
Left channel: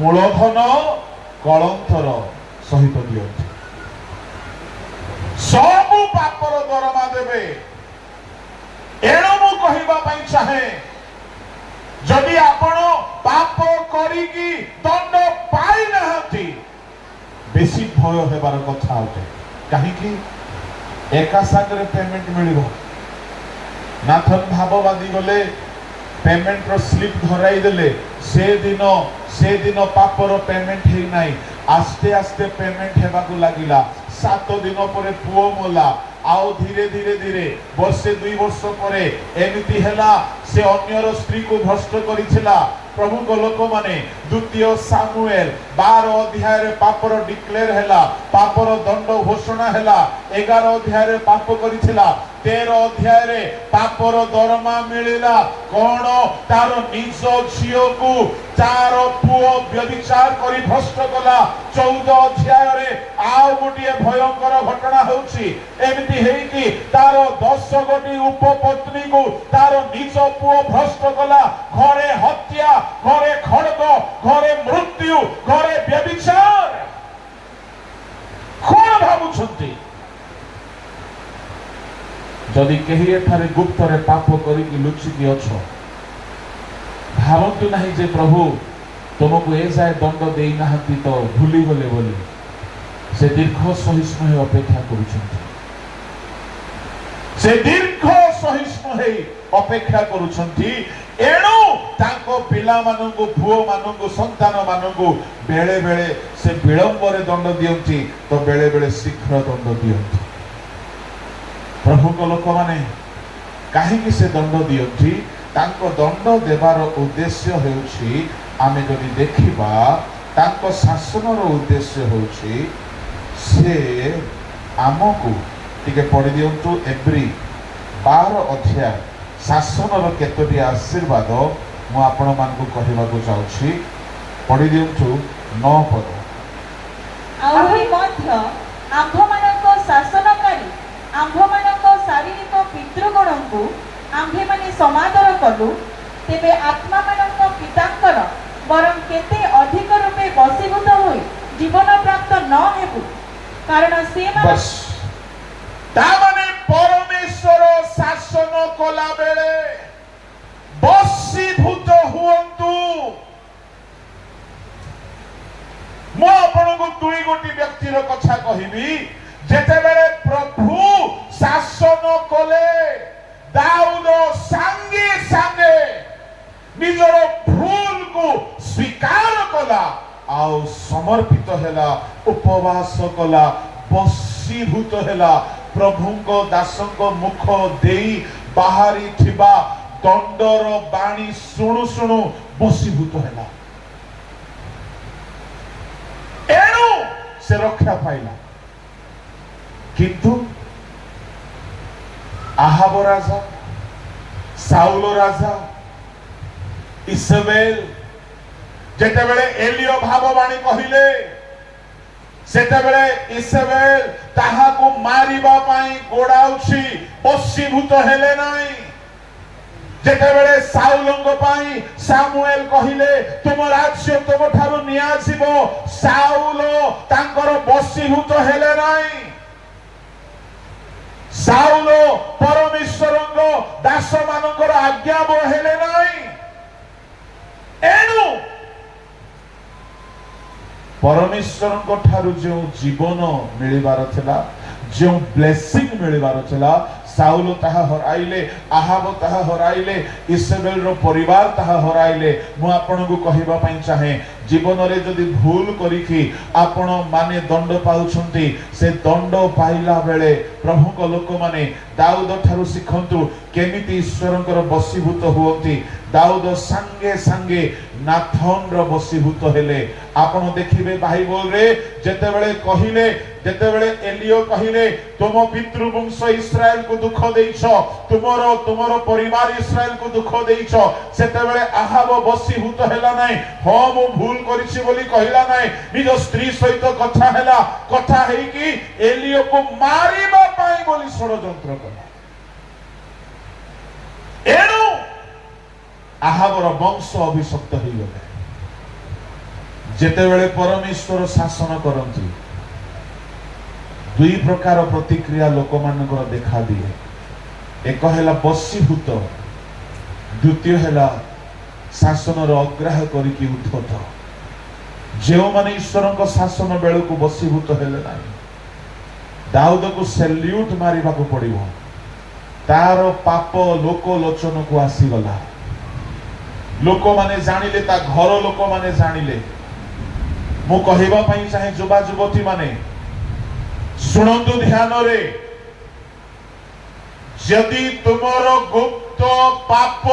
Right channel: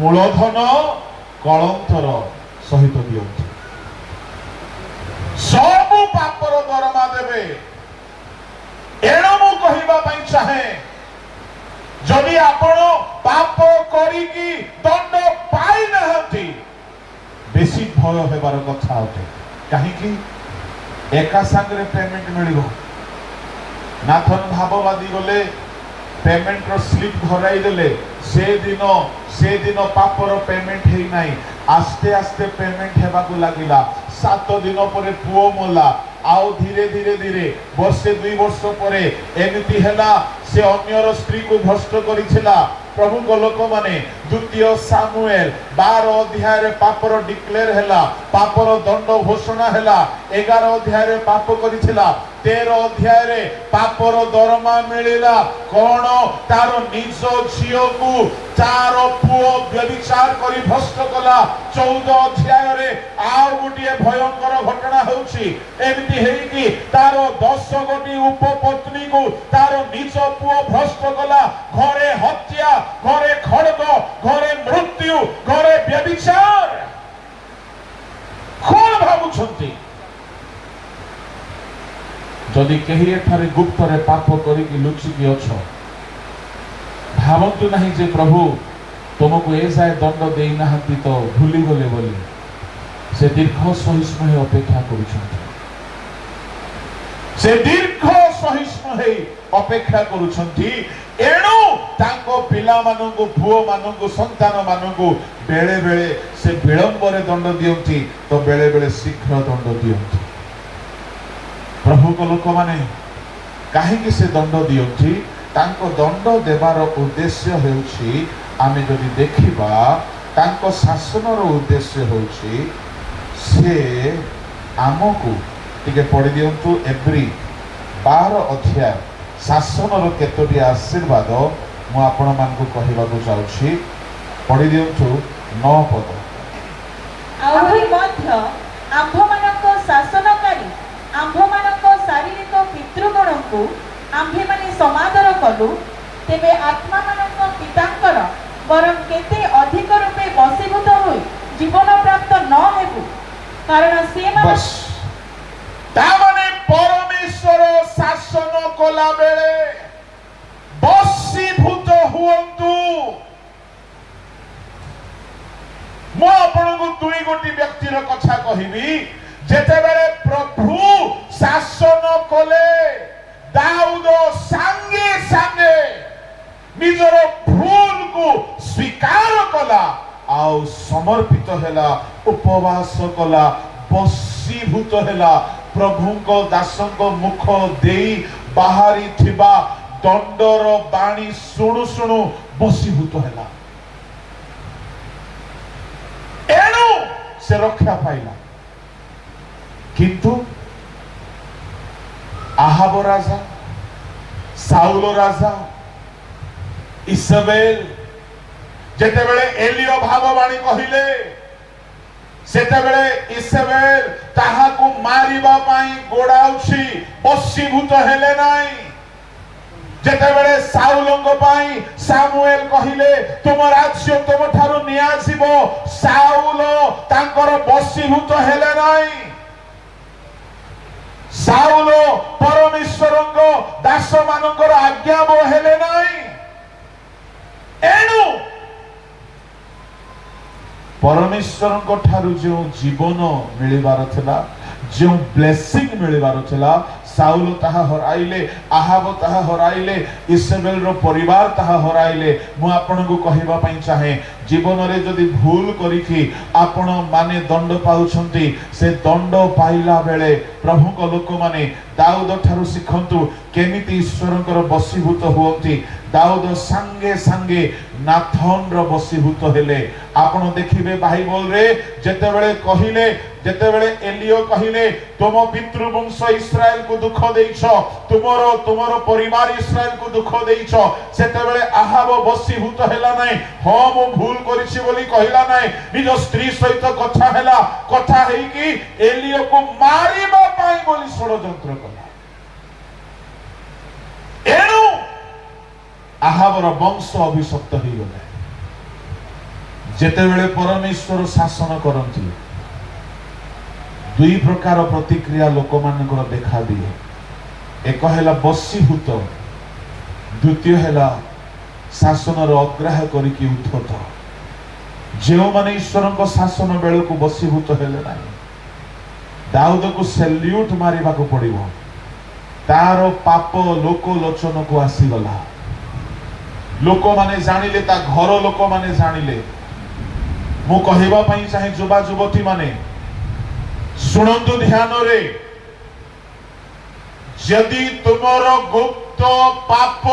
मूलधन कलंथर सहित दियंती सब पापर दरमा देबे एणु मु कहिबा पई चाहे जदि आपण पाप करी की दंड पाई नहंती बेसी भय हेबार कथा होते काहे कि एका संगरे पेमेंट मिलिबो नाथन भाववादी गले पेमेंट रो स्लिप धराई देले से दिन पापर पेमेंट हे नाही आस्ते आस्ते पेमेंट हेबा को लागिला 7 दिन परे पुओ मोला आओ धीरे धीरे धीरे वर्षे 2 वर्ष परे एमिति हेला से अन्यर स्त्री को भ्रष्ट करिथिला प्रभु को लोक माने द्वितीय सामुएल 12 अध्याय रे पापर डिक्लेयर हैला, पापर दंड घोषणा हैला। 11 अध्याय रे पाप करिथिला, 13 अध्याय रे पापर दरमा मिलिला कोन तार निज झियो को चार पुओ व्यभिचार करी भ्रष्ट कला। 14 अध्याय रे आ गोटिए भयंकर घटना होउची, एमिति हेई कि तार 10 गोटी उपपत्नी को तार निज पुओ भ्रष्ट कला। घरे हत्या, घरे खड्ग, घरे मृत्यु, घरे व्यभिचार। कोन भाबुछंती जदि कही एठारे गुप्त रे पाप करिकी लुचिकी अछ, भावतु नहीं जे प्रभु तुमको ए जाए दंड देई नाहंती तो भूली गले बोली से दीर्घ सहिष्णु अपेक्षा करुछंती, से दीर्घ सहिष्णु हे अपेक्षा करुछंती। एणु ताको पिला मानंगु भुओ मानंगु संतान मानंगु बेले बेले से विलंब रे दंड दियंती तो बेले बेले शीघ्र दंड दियंती। प्रभु को लोक माने काहेकि से दंड दियंती, तांको दंड देवार उद्देश्य होउछि आमे जदि देखिबा तांको शासन रो उद्देश्य होउछि से आमको टिके पढ़ी दियंतु एब्री 12 अध्याय शासन रो केतोटी आशीर्वाद मु आपण मानकु कहिबाकु चाहूछि। पढ़ी दियंतु 9 पद। आहुरी मध्य आम्भमानक शासनकारी आम्भमानक शारीरिक पितृगणଙ୍କୁ आम्भेमाने समादर कलु, तेबे आत्मा मानक पितांकर वरं केते अधिक रूपे वशीभूत होई जीवन प्राप्त न हेबु, कारण से बस तामाने परमेश्वर शासन कला बेले वशीभूत हुअन्तु। मो आपनको दुई गोटी व्यक्तिर कथा कहिबी, जेतेबेले प्रभु शासन कले दाऊद सांगे सांगे निजर भूल को स्वीकार कला आउ समर्पित हैला, उपवास कला, वशीभूत हैला। प्रभु को दासों को मुख देई बाहरी थिबा दंडर बाणी सुनु सुनु वशीभूत हैला। एणु से रक्षा पाइला। किंतु आहाब राजा, साउल राजा, इसेबेल जेतेबेले एलियो भाववाणी कहिले सेतेबेले इसेबेल ताहाकु मारिबा पाई गोडाउछि, वशीभूत हेले नाही। जेतेबेले साउलंग पाई सामुएल कहिले तुम राज्य तुम ठारू नियाजिबो, साउल तांकर वशीभूत हेले नाही। साउल परमेश्वरंग दास मानकर आज्ञा हेले नाही। एणु परमेश्वरंग ठारू जो जीवन मिलिबार थिला, जो ब्लेसिंग मिलिबार थिला, साउल ताहा हराइले, आहाब ताहा हराइले, इस्राएल रो परिवार ताहा हराइले। मु आपनको कहिबा पई चाहे जीवन रे जदि भूल करिकि आपण माने दंड पाउछंती, से दंड पाइला बेले प्रभु को लोक माने दाऊद ठारू सिखंतु केमिति ईश्वरंकर वशीभूत हुअंती। दाऊद संगे संगे नाथन रो वशीभूत हेले। आपण देखिबे बाइबल रे जेतेबेले कहिले, जेतेबेले एलियो कहिले तुम पितृवंश इस्राएल को दुख देइछ, तुमरो परिवार इस्राएल को दुख देइछ, सेतेबेले आहाब वशीभूत हेला नै। हो मु भूल करिछि बोली कहिला नै, निज स्त्री सहित कथा हेला, कथा हेई कि एलियो को मारिबा पाई बोली षडयंत्र कला। एणु आहाबर वंश अभिशप्त हो गले। जेतेबेले परमेश्वर शासन करंती दुई प्रकार प्रतिक्रिया लोक मानकर देखा दिए। एक हैला वशीभूत, द्वितीय हैला शासन अग्राह करिकि उद्धत। जो माने ईश्वर को शासन बेल को वशीभूत हेले नाही, दाऊद को सैल्यूट मारिबा को पड़िबो। तार पाप लोक लोचन को आसीगला, लोक माने जानिले, ता घर लोक माने जानिले। मु कहिबा पई चाहे युवा युवती माने सुनंतु ध्यान रे, यदि तुमर गुप्त पाप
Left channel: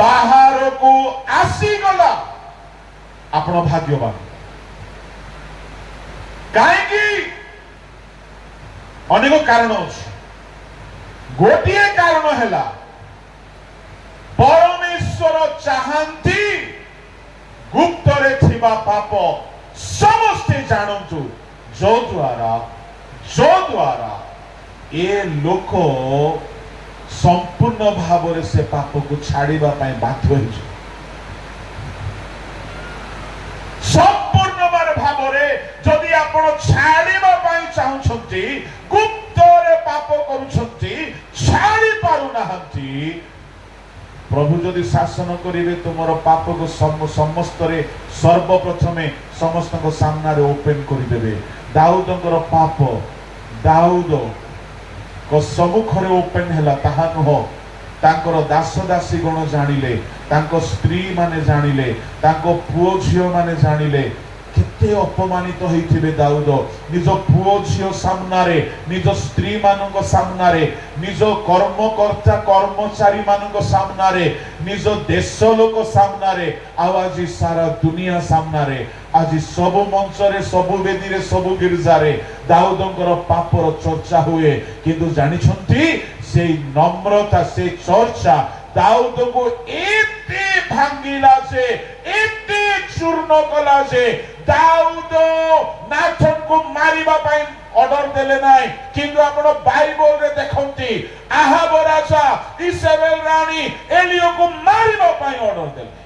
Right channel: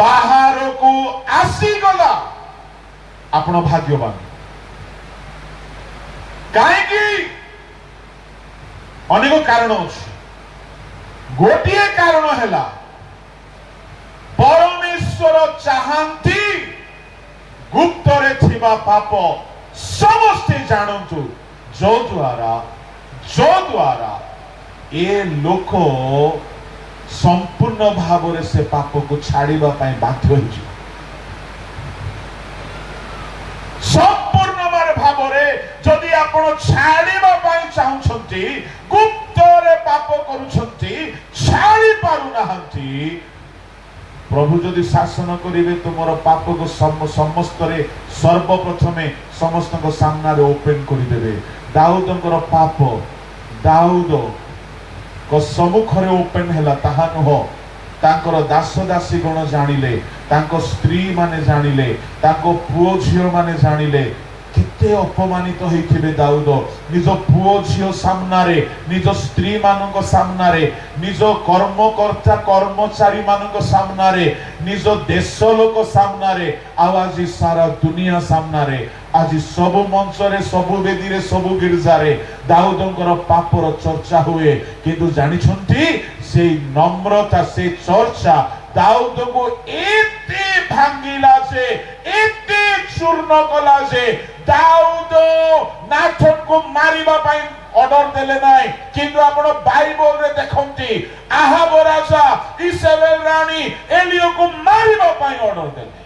ବାହାରକୁ ଆସିଗଲା ଆପଣ ଭାଗ୍ୟବାନ। କାହିଁକି? ଅନେକ କାରଣ ଅଛି। ଗୋଟିଏ କାରଣ ହେଲା ପରମେଶ୍ୱର ଚାହାନ୍ତି ଗୁପ୍ତରେ ଥିବା ପାପ ସମସ୍ତେ ଜାଣନ୍ତୁ, ଯଦ୍ୱାରା ଏ ଲୋକ ସମ୍ପୂର୍ଣ୍ଣ ଭାବରେ ସେ ପାପକୁ ଛାଡ଼ିବା ପାଇଁ ବାଧ୍ୟ ହେଉଛି। ସମ୍ପୂର୍ଣ୍ଣ ଭାବରେ ଯଦି ଆପଣ ଛାଡ଼ିବା ପାଇଁ ଚାହୁଁଛନ୍ତି, ଗୁପ୍ତରେ ପାପ କରୁଛନ୍ତି, ଛାଡ଼ି ପାରୁନାହାନ୍ତି, ପ୍ରଭୁ ଯଦି ଶାସନ କରିବେ ତୁମର ପାପକୁ ସମସ୍ତରେ ସର୍ବପ୍ରଥମେ ସମସ୍ତଙ୍କ ସାମ୍ନାରେ ଓପେନ କରିଦେବେ। ଦାଉଦଙ୍କର ପାପ ଦାଉଦଙ୍କ ସମ୍ମୁଖରେ ଓପେନ ହେଲା ତାହା ନୁହଁ, ତାଙ୍କର ଦାସ ଦାସୀ ଗଣ ଜାଣିଲେ, ତାଙ୍କ ସ୍ତ୍ରୀ ମାନେ ଜାଣିଲେ, ତାଙ୍କ ପୁଅ ଝିଅ ମାନେ ଜାଣିଲେ। କେତେ ଅପମାନିତ ହେଇଥିବେ ଦାଉଦ ନିଜ ପୁଅ ଝିଅ ସାମ୍ନାରେ, ନିଜ ସ୍ତ୍ରୀ ମାନଙ୍କ ସାମ୍ନାରେ, ନିଜ କର୍ମକର୍ତ୍ତା କର୍ମଚାରୀ ମାନଙ୍କ ସାମ୍ନାରେ, ନିଜ ଦେଶ ଲୋକ ସାମ୍ନାରେ, ଆଉ ଆଜି ସାରା ଦୁନିଆ ସାମ୍ନାରେ, ଆଜି ସବୁ ମଞ୍ଚରେ, ସବୁ ବେଦୀରେ, ସବୁ ଗିର୍ଜାରେ ଦାଉଦଙ୍କର ପାପର ଚର୍ଚ୍ଚା ହୁଏ। କିନ୍ତୁ ଜାଣିଛନ୍ତି ସେଇ ନମ୍ରତା, ସେ ଚର୍ଚ୍ଚା ଦାଉଦକୁ ଏତେ ଭାଙ୍ଗିଲା ଯେ, ଏତେ ଚୂର୍ଣ୍ଣ କଲା ଯେ ଦାଉଦ ନାଥନକୁ ମାରିବା ପାଇଁ ଅର୍ଡର ଦେଲେ ନାହିଁ। କିନ୍ତୁ ଆପଣ ବାଇବଲରେ ଦେଖନ୍ତି ଆହାବ ରାଜା ଇସେବେଲ ରାଣୀ ଏଲିୟକୁ ମାରିବା ପାଇଁ ଅର୍ଡର ଦେଲେ।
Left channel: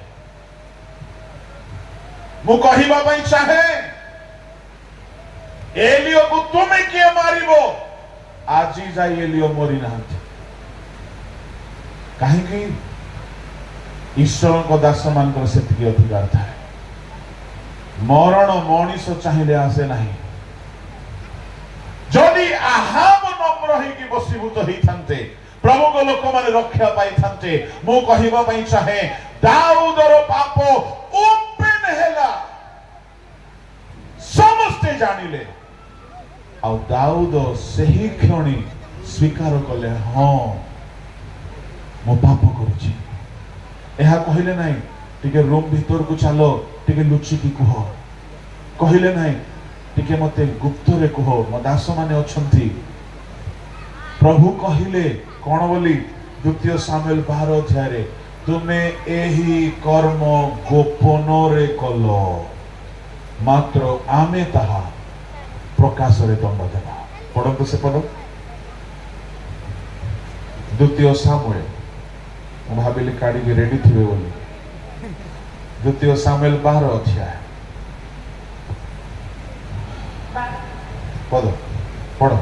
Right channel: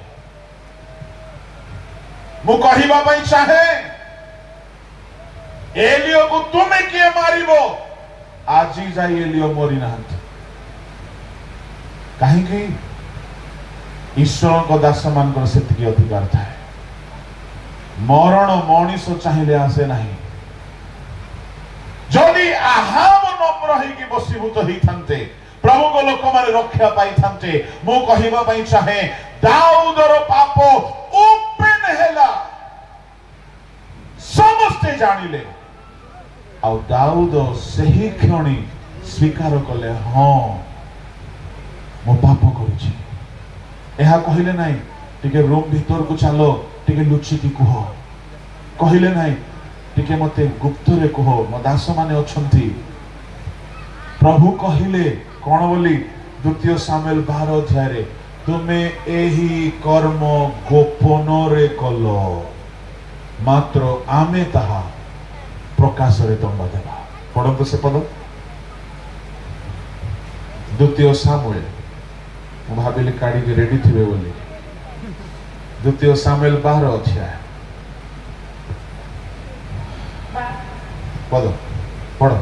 ମୁଁ କହିବା ପାଇଁ ଚାହେଁ, ଏଲିୟକୁ ତୁମେ କିଏ ମାରିବ? ଆଜି ଯାଇ ଏଲିୟ ମରି ନାହାନ୍ତି। କାହିଁକି? ଈଶ୍ୱରଙ୍କ ଦାସ ମାନଙ୍କର ସେତିକି ଅଧିକାର ଥାଏ। ମରଣ ମଣିଷ ଚାହିଁଲେ ଆସେ ନାହିଁ। ଯଦି ଆହାବ ନମ୍ର ହେଇକି ବଶୀଭୂତ ହେଇଥାନ୍ତେ, ପ୍ରଭୁଙ୍କ ଲୋକମାନେ ରକ୍ଷା ପାଇଥାନ୍ତେ। ମୁଁ କହିବା ପାଇଁ ଚାହେଁ, ଦାଉଦର ପାପ ଓପେନ ହେଲା, ସମସ୍ତେ ଜାଣିଲେ, ଆଉ ଦାଉଦ ସେହି କ୍ଷଣି ସ୍ୱୀକାର କଲେ, ହଁ ମୁଁ ପାପ କରୁଛି। ଏହା କହିଲେ ନାହିଁ ଟିକେ ରୁମ୍ ଭିତରକୁ ଚାଲ, ଟିକେ ଲୁଚିକି କୁହ, କହିଲେ ନାହିଁ ଟିକେ ମତେ ଗୁପ୍ତରେ କୁହ, ମୋ ଦାସ ମାନେ ଅଛନ୍ତି। ପ୍ରଭୁ କହିଲେ କଣ ବୋଲି? 2 ସାମୁଏଲ 12 ଅଧ୍ୟାୟରେ, ତୁମେ ଏହି କର୍ମ ଗୋପନରେ କଲ, ମାତ୍ର ଆମେ ତାହା ପ୍ରକାଶରେ ଦଣ୍ଡ ଦେବା। ପଢନ୍ତୁ ସେ ପଦ, 2 ସାମୁଏଲ। ମୁଁ ଭାବିଲି କାଢିକି ରେଡି ଥିବେ ବୋଲି। 2 ସାମୁଏଲ 12 ଅଧ୍ୟାୟ ପଦ ପଢ।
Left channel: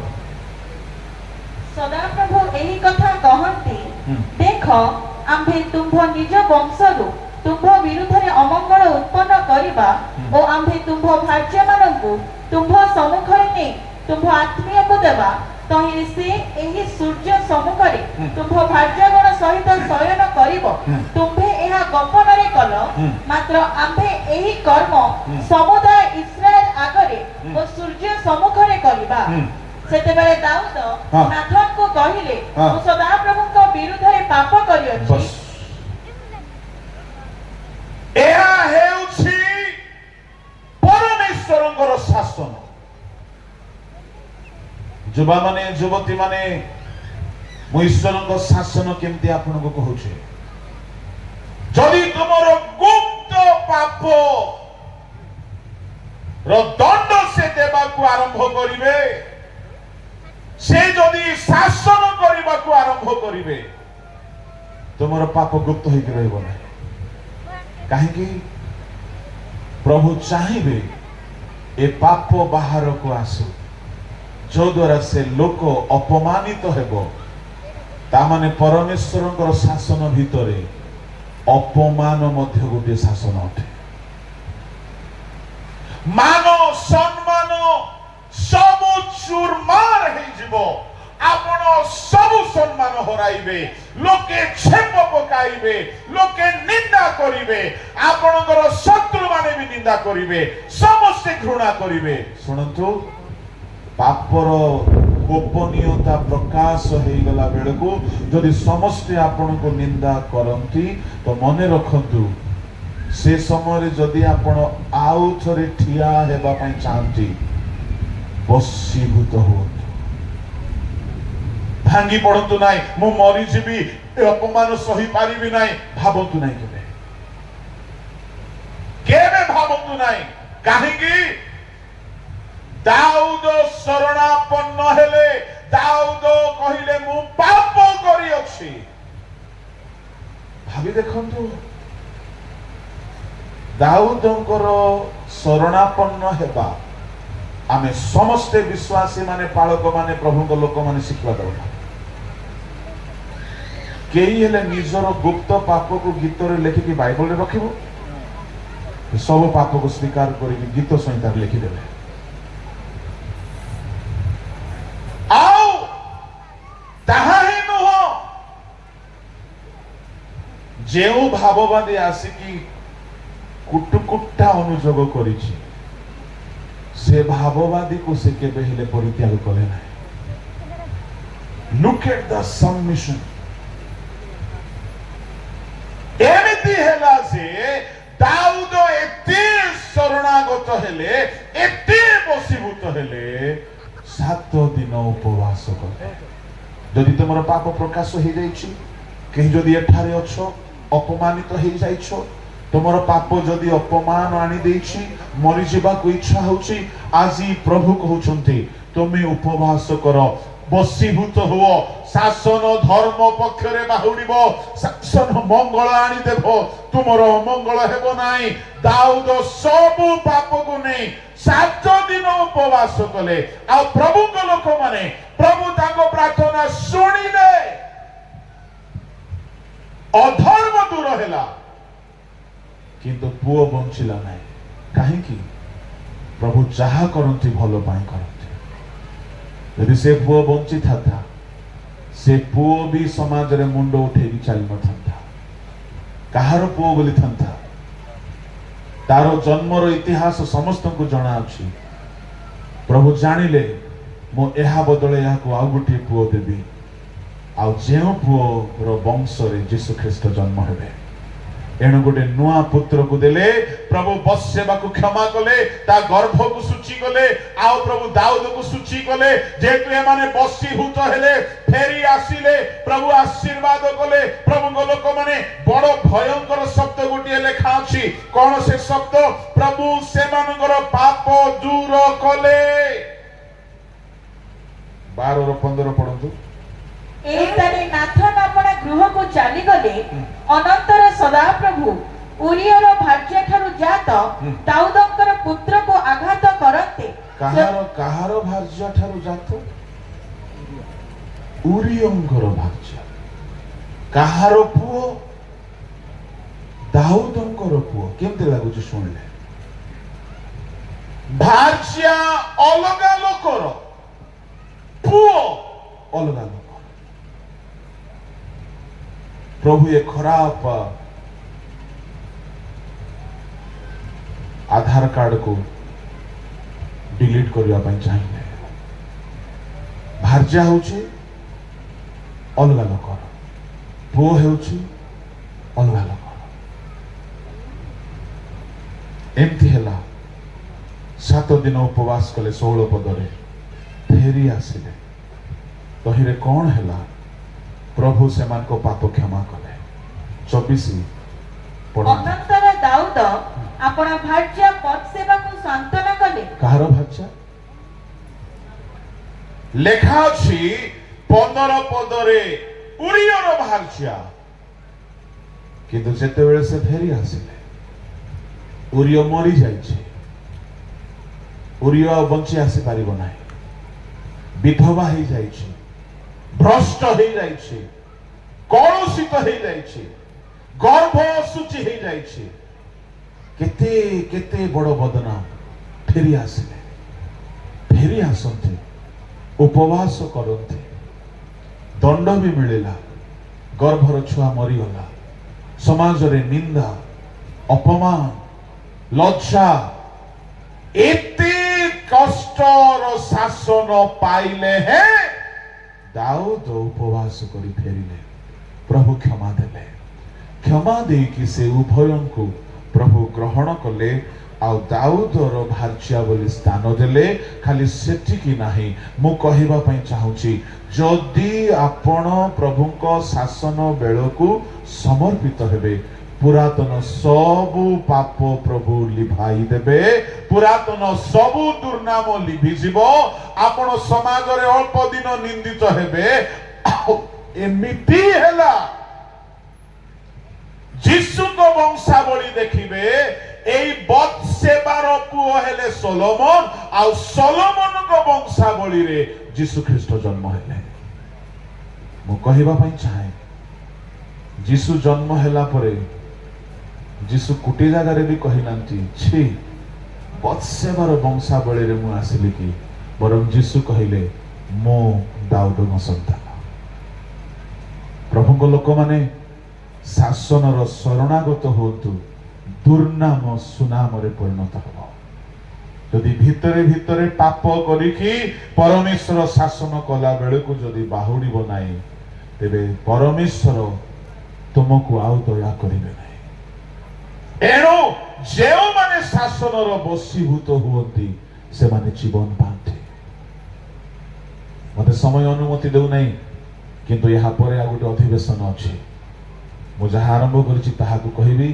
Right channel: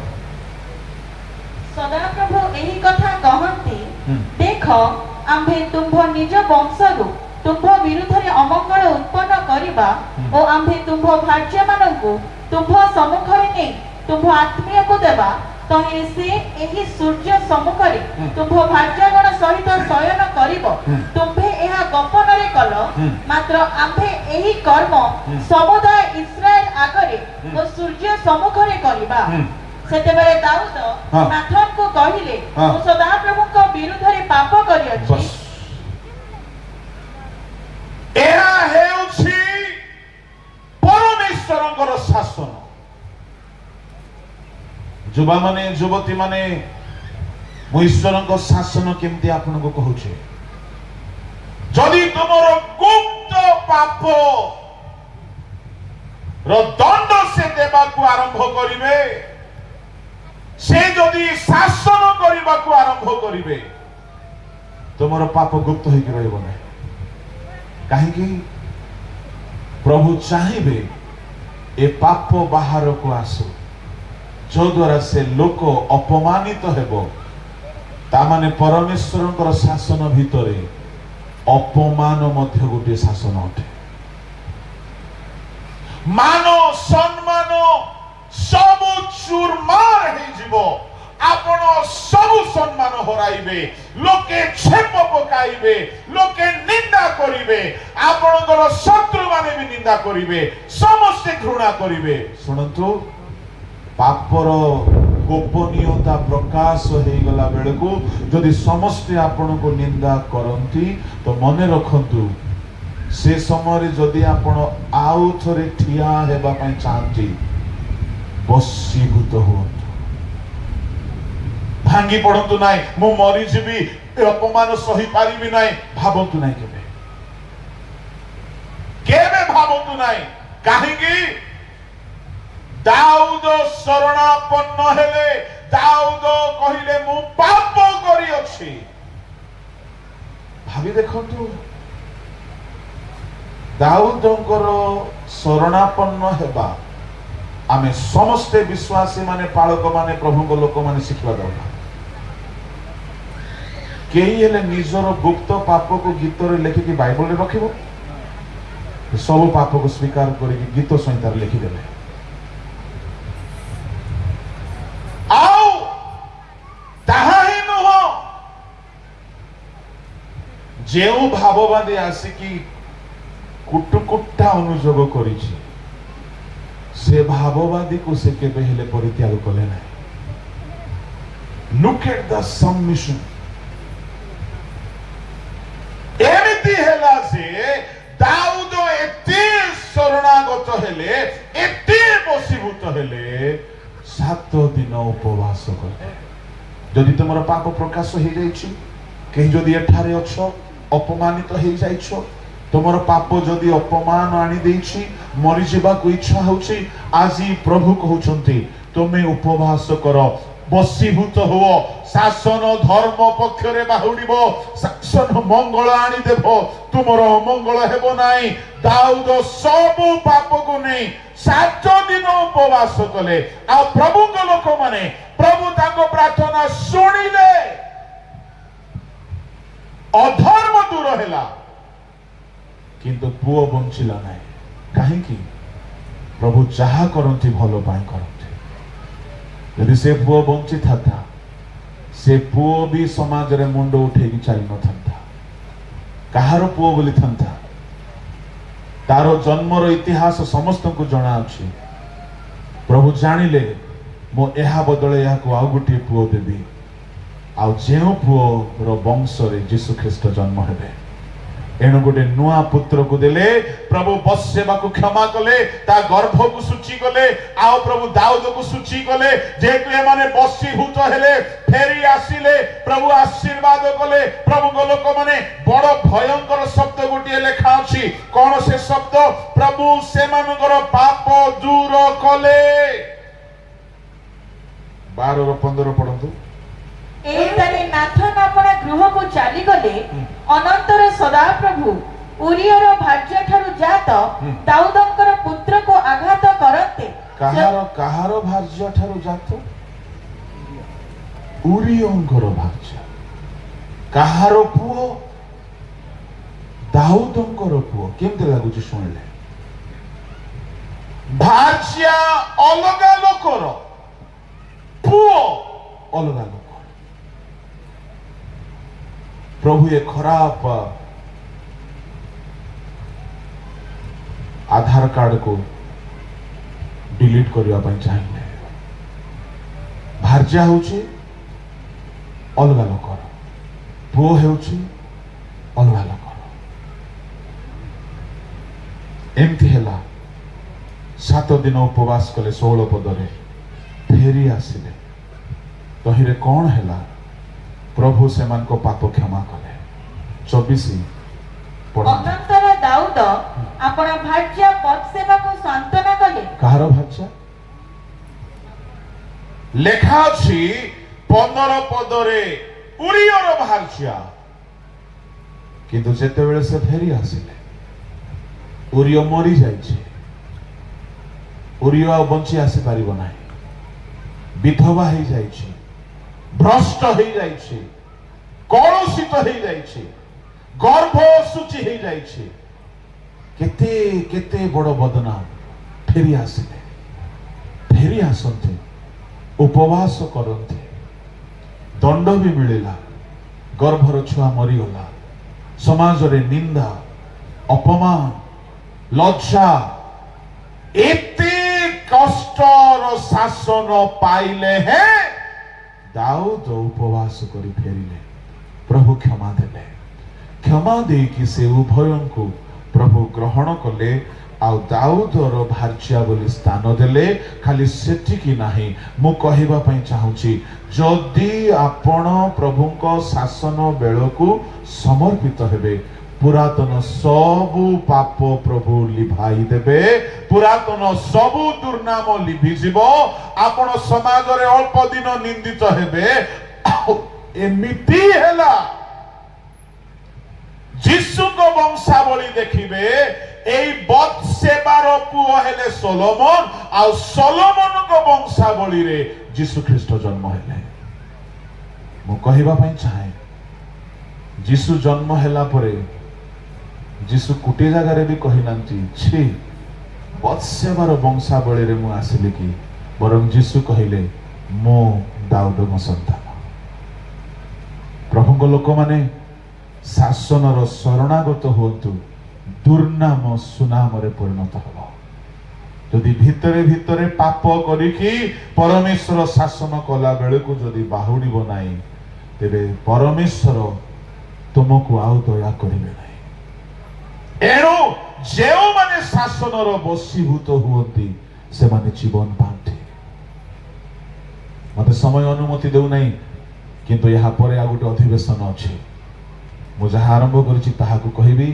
ସଦାପ୍ରଭୁ ଏହି କଥା କହନ୍ତି, ଦେଖ ଆମ୍ଭେ ତୁମ୍ଭ ନିଜ ବଂଶରୁ ତୁମ୍ଭ ବିରୁଦ୍ଧରେ ଅମଙ୍ଗଳ ଉତ୍ପନ୍ନ କରିବା ଓ ଆମ୍ଭେ ତୁମ୍ଭ ଭାର୍ଯ୍ୟମାନଙ୍କୁ ତୁମ୍ଭ ସମ୍ମୁଖରେ ନେଇ ତୁମ୍ଭ ଆତ୍ମୀୟକୁ ଦେବା। ତହିଁରେ ସେ ଏହି ସୂର୍ଯ୍ୟ ସମ୍ମୁଖରେ ତୁମ୍ଭ ଭାର୍ଯ୍ୟଗଣ ସହିତ ଶୟନ କରିବ। ତୁମ୍ଭେ ଏହା ଗୋପନରେ କଲ, ମାତ୍ର ଆମ୍ଭେ ଏହି କର୍ମ ସମୁଦାୟ ଇସ୍ରାଏଲ ଆଗରେ ଓ ସୂର୍ଯ୍ୟ ସମ୍ମୁଖରେ କରିବା। ସେତେବେଳେ ଦାଉଦ ନାଥନକୁ କହିଲେ, ମୁଁ ସଦାପ୍ରଭୁଙ୍କ ବିରୁଦ୍ଧରେ ପାପ କରିଅଛି। ଏହା ହେଉଛି ପରମେଶ୍ୱରଙ୍କର ଶାସନ। ଯୁବା ମାନେ, ଯୁବତୀ ମାନେ, ମୁଁ ଈଶ୍ୱରଙ୍କ ଶାସନ କେମିତି ଆପଣଙ୍କୁ କହୁଛି। ଯଦି ତୁମର ଗୁପ୍ତ ପାପ ର ଦଣ୍ଡ ସେ ଦେବାକୁ ଆରମ୍ଭ କରିବେ, ସେ ଯଦି ଶାସନ କରିବାକୁ ଆରମ୍ଭ କରିବେ, ତୁମର ପାପ ଗୁପ୍ତ ହେଇକି ରହିବ ନାହିଁ। କାହିଁକି? ପ୍ରଭୁ ଚାହିଁବେ ଏ ପାପ ବାହାରକୁ ଆସୁ, ଯଦ୍ୱାରା ସେ ଲୋକ ଅପମାନିତ ହେବ। ତାମାନେ ପରମେଶ୍ୱରଙ୍କର ଶାସନ ଭିତରେ ଅପମାନ ମଧ୍ୟ ଗୋଟିଏ ଶାସନ ଅଟେ। ମାନ ସମ୍ମାନ ସବୁ ଚୁରମାର ହେଇଯିବ। ଆପଣ ସବୁ ସମ୍ମାନ ହରାଇବେ, ଲୋକେ ଛେପ ପକାଇବେ, ଲୋକେ ନିନ୍ଦା କରିବେ, ଆପଣଙ୍କର ଶତ୍ରୁ ମାନେ ବି ନିନ୍ଦା କରିବେ, ସମସ୍ତେ ଘୃଣା କରିବେ। ଶୁଣନ୍ତୁ, ପାପର ଗୋପନୀୟତା ପ୍ରକାଶ ହେଇଗଲା गला बेले को जदि समस्ते आपण को निंदा करंती तो मने रखंतु से समय जदि आपण आउ थरे ठिया हेबा पई चाहती बसीभूत हो भांगी पड़तु नाई मु मरी जीवी ए अपमान सही पारिबी नाई भाबंतु नाई केबे भाबंतु नाई काहेकि दाऊद शरणापन्न हेले दाऊद कहिले मु पाप करी अछि भाबी देखंतु दाऊदंकर शरणापन्न हेबा आमे समस्त विश्वासी माने पालक माने प्रभु को लोक माने शिखवा दरकार केही हेले निजर गुप्त पाप को गीत रे लेखि कि बाइबल रे रखिबो सब पाप को स्वीकार करी गीत संहिता लिखि देबे आओ ताहा ही नुह जेउ भाववादी आसिकी कुटुकुट्टा अनुजोग करिछि से भाववादी को से केबे हेले परित्याग कले नै लुक एट द सबमिशन एमिति हेला से दाऊद एते शरणागत हेले एते बसीभूत हेले 7 दिन उपवास कले जदि तुमर पाप प्रकाश हो जाइछि केही जदि एठारे अछो अपमानित हो जाइछो तुमर पाप जदि अपमान आनी देछि मरि जीवा को इच्छा होछि आजी प्रभु कहउछन्ति तुमे उपवास करो बसीभूत हो शासन धर्म पक्ष रे बाहुडिबो शासन मंगल आनी देबो तुमर मंगल हेबो नाही दाऊद सब पाप को नहीं 7 दिन उपवास कले आ प्रभु को लोक माने प्रभु ताको प्रार्थना सुनिले अधर्म दूर हैला किंतु पुओ बंचिला नाही काहे कि प्रभु चाहा करंती भलो पाई करंती यदि से पुओ बंची था से पुओ भी समाज रे मुंड उठे चली न था कहार पुओ बोली था तार जन्मर इतिहास समस्त को जना अछि प्रभु जानिले मो एहा बदले या को आ गुटी पुओ देबी आ जेउ पुओ रो वंश रे यीशु ख्रीष्ट जन्म हेबे एणु गोटे नुआ पुत्र को देले प्रभु बसेबा को क्षमा कले ता गर्भ को सूची कले आ प्रभु दाऊद को सूची कले जेते माने बसीभूत हेले फेरी आसीले प्रभु आशीर्वाद कले प्रभु को लोक माने बड़ भयंकर शब्द गोटे लेखा अछि कोन से शब्द प्रभु से मानकर पाप दूर कले 12 और 15 पढନ୍ତୁ एतारे नाथन अपना गृह को चली गले अनंतर सदा प्रभु उरियर भार्य ठारु जात दाऊदंकर पुत्र को आघात करते कहार भार्य ठारु जात उरियंकर भार्य कहार पुओ दाऊदंकर पुओ केमते लागुची सुनले भार्य अलगा लोकर पुओ अलगा लोक प्रभु ये खराब आधार कार्ड को डिलीट करबा पई चाहिए भार्या होची अलगा लोक पुओ होची अलगा लोक एमती हेला 7 दिन उपवास कले 16 पदरे फेरी आसिले तहिरे कौन हेला प्रभु से मान को पाप क्षमा कले 24 अनंतर दाऊद अपना भार्य बत्सेबा को सांत्वना कले कहार भार्य लेखा अछि 15 पदरे उरियर भार्य किंतु जेते बेले से फेरी आसिले उरिय मरी जाइछे उरिय बंची आसी पारिबो नाही विधवा ही जाइछे भ्रष्ट हो जाइछे कलुषित हो जाइछे गर्भ सूची हो जाइछे केते केते बड़ बदनाम फेरी आसते उपवास करते दंड भी मिलेला गर्भर छुआ मरीगला समाज रे निंदा अपमान लज्जा एते कष्टर शासन पाइले हैं दाऊद उपवास करी फेरिले प्रभु क्षमा देले क्षमा देकी से उभयों को प्रभु ग्रहण कले आ दाऊदर भार्या बोली स्थान देले खाली सेटिकी नाही मु कहिबा पई चाहूची जदि आपण प्रभुको शासन बेलकु समर्पित हेबे पुरातन सबु पाप प्रभु लिभाई देबे पुरातन सबु दुर्नाम लिभि जीवो आपण समाज रे अल्प दिन निंदित हेबे एमिति हेला जीशु को वंशावली देखिबे एई बत्सेबार पुओ हेले सोलोमन आ सोलोमन को वंशावली रे जीशु ख्रीष्ट जन्म हेले मु कहिबा पई चाहे जीशु जन्म हेला परे जीशु कुटी जगह रे भी कहि नांती छी बत्सेबार वंशावली रे मु आसिली कि बरम जीशु कहिले मो दाऊदर संतान प्रभु को लोक माने शासन रो शरणागत होतु दुर्नाम सुनाम रे परिणत हो यदि भितरे भितरे पाप करिकी परमेश्वर शासन कला बेले को यदि बाहुडीबो नाही तेबे परमेश्वर तुमको आउ दया करिवे नाही एणु जेउ माने शासन रो बसीभूत हुअंती से माने जीवन पाते मते समय अनुमति देउ नाही किंतु यहाँ पर आ गोटे अधिवेशन अछि मु जहाँ आरंभ करछि ताहाकु कहिबी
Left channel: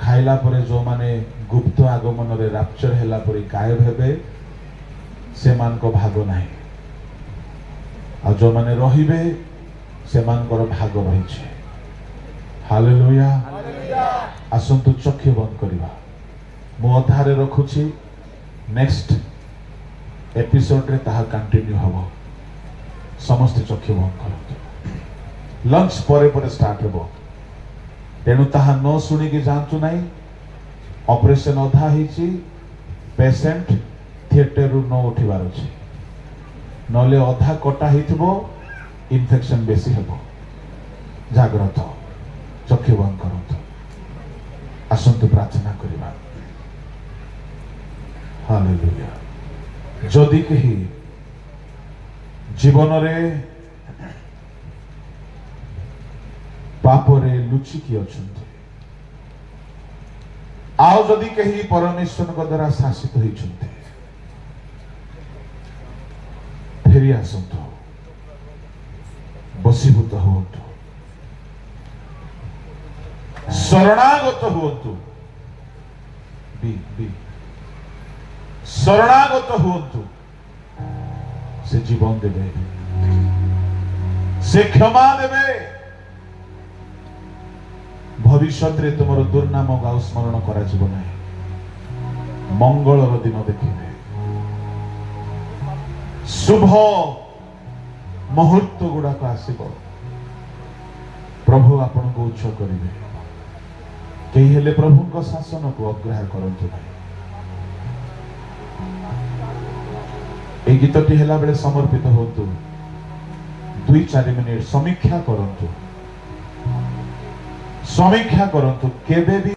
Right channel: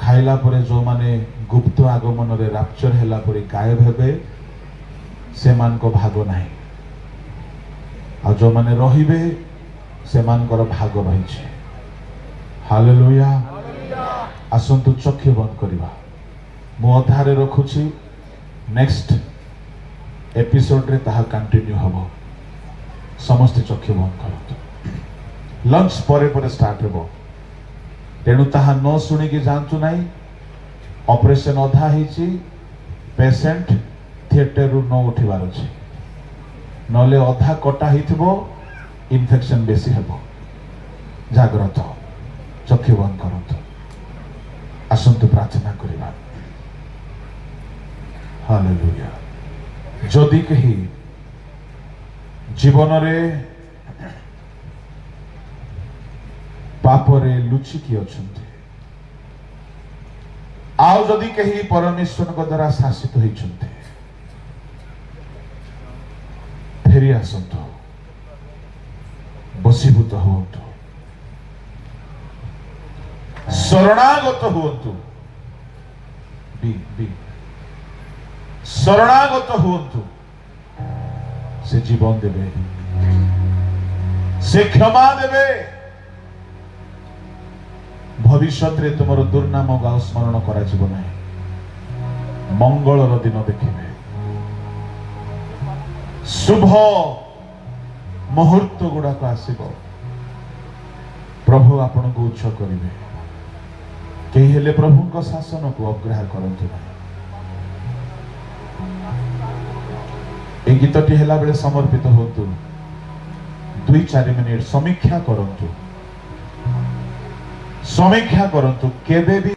खाइला परे जो माने गुप्त आगमन रे रैप्चर हैला परे गायब हेबे से मान को भाग नाही आ जो माने रहिबे से मान कर भाग रहिছে हालेलुया आसंतु चक्षु बंद करिबा मु अधारे रखुछि नेक्स्ट एपिसोड रे ताहा कंटिन्यू हबो समस्त चक्षु बंद करतु लंच परे परे स्टार्ट हेबो तेणु ताहा न शुणी कि जानतु नहीं ऑपरेशन अधा ही पेशेंट थिएटर रु न उठिबार अछि नले अधा कटा हिथिबो इन्फेक्शन बेसी हेबो जाग्रत चक्षु बंद करतु आसंतु प्रार्थना करिबा हालेलुया जदि कही जीवन रे पापरे लुचिकी अछन्ते आउ जदि कही परमेश्वर को द्वारा शासित होइछन्ते फेरी आसंतु बसीभूत हुअन्तु शरणागत हुअन्तु बी शरणागत हुअन्तु से जीवन देवे से क्षमा देवे भविष्य रे तुमर दुर्नाम गाओ स्मरण करा जीव नहीं मंगलर दिन देखिबे शुभ मुहूर्त गुड़ाक आसीबो प्रभु आपन को उच्च करिवे केही हेले प्रभु को शासन को अग्राह्य करंतु नहीं ए गीतटी हेला बेले समर्पित होतु 2-4 मिनिट समीक्षा करंतु केबे भी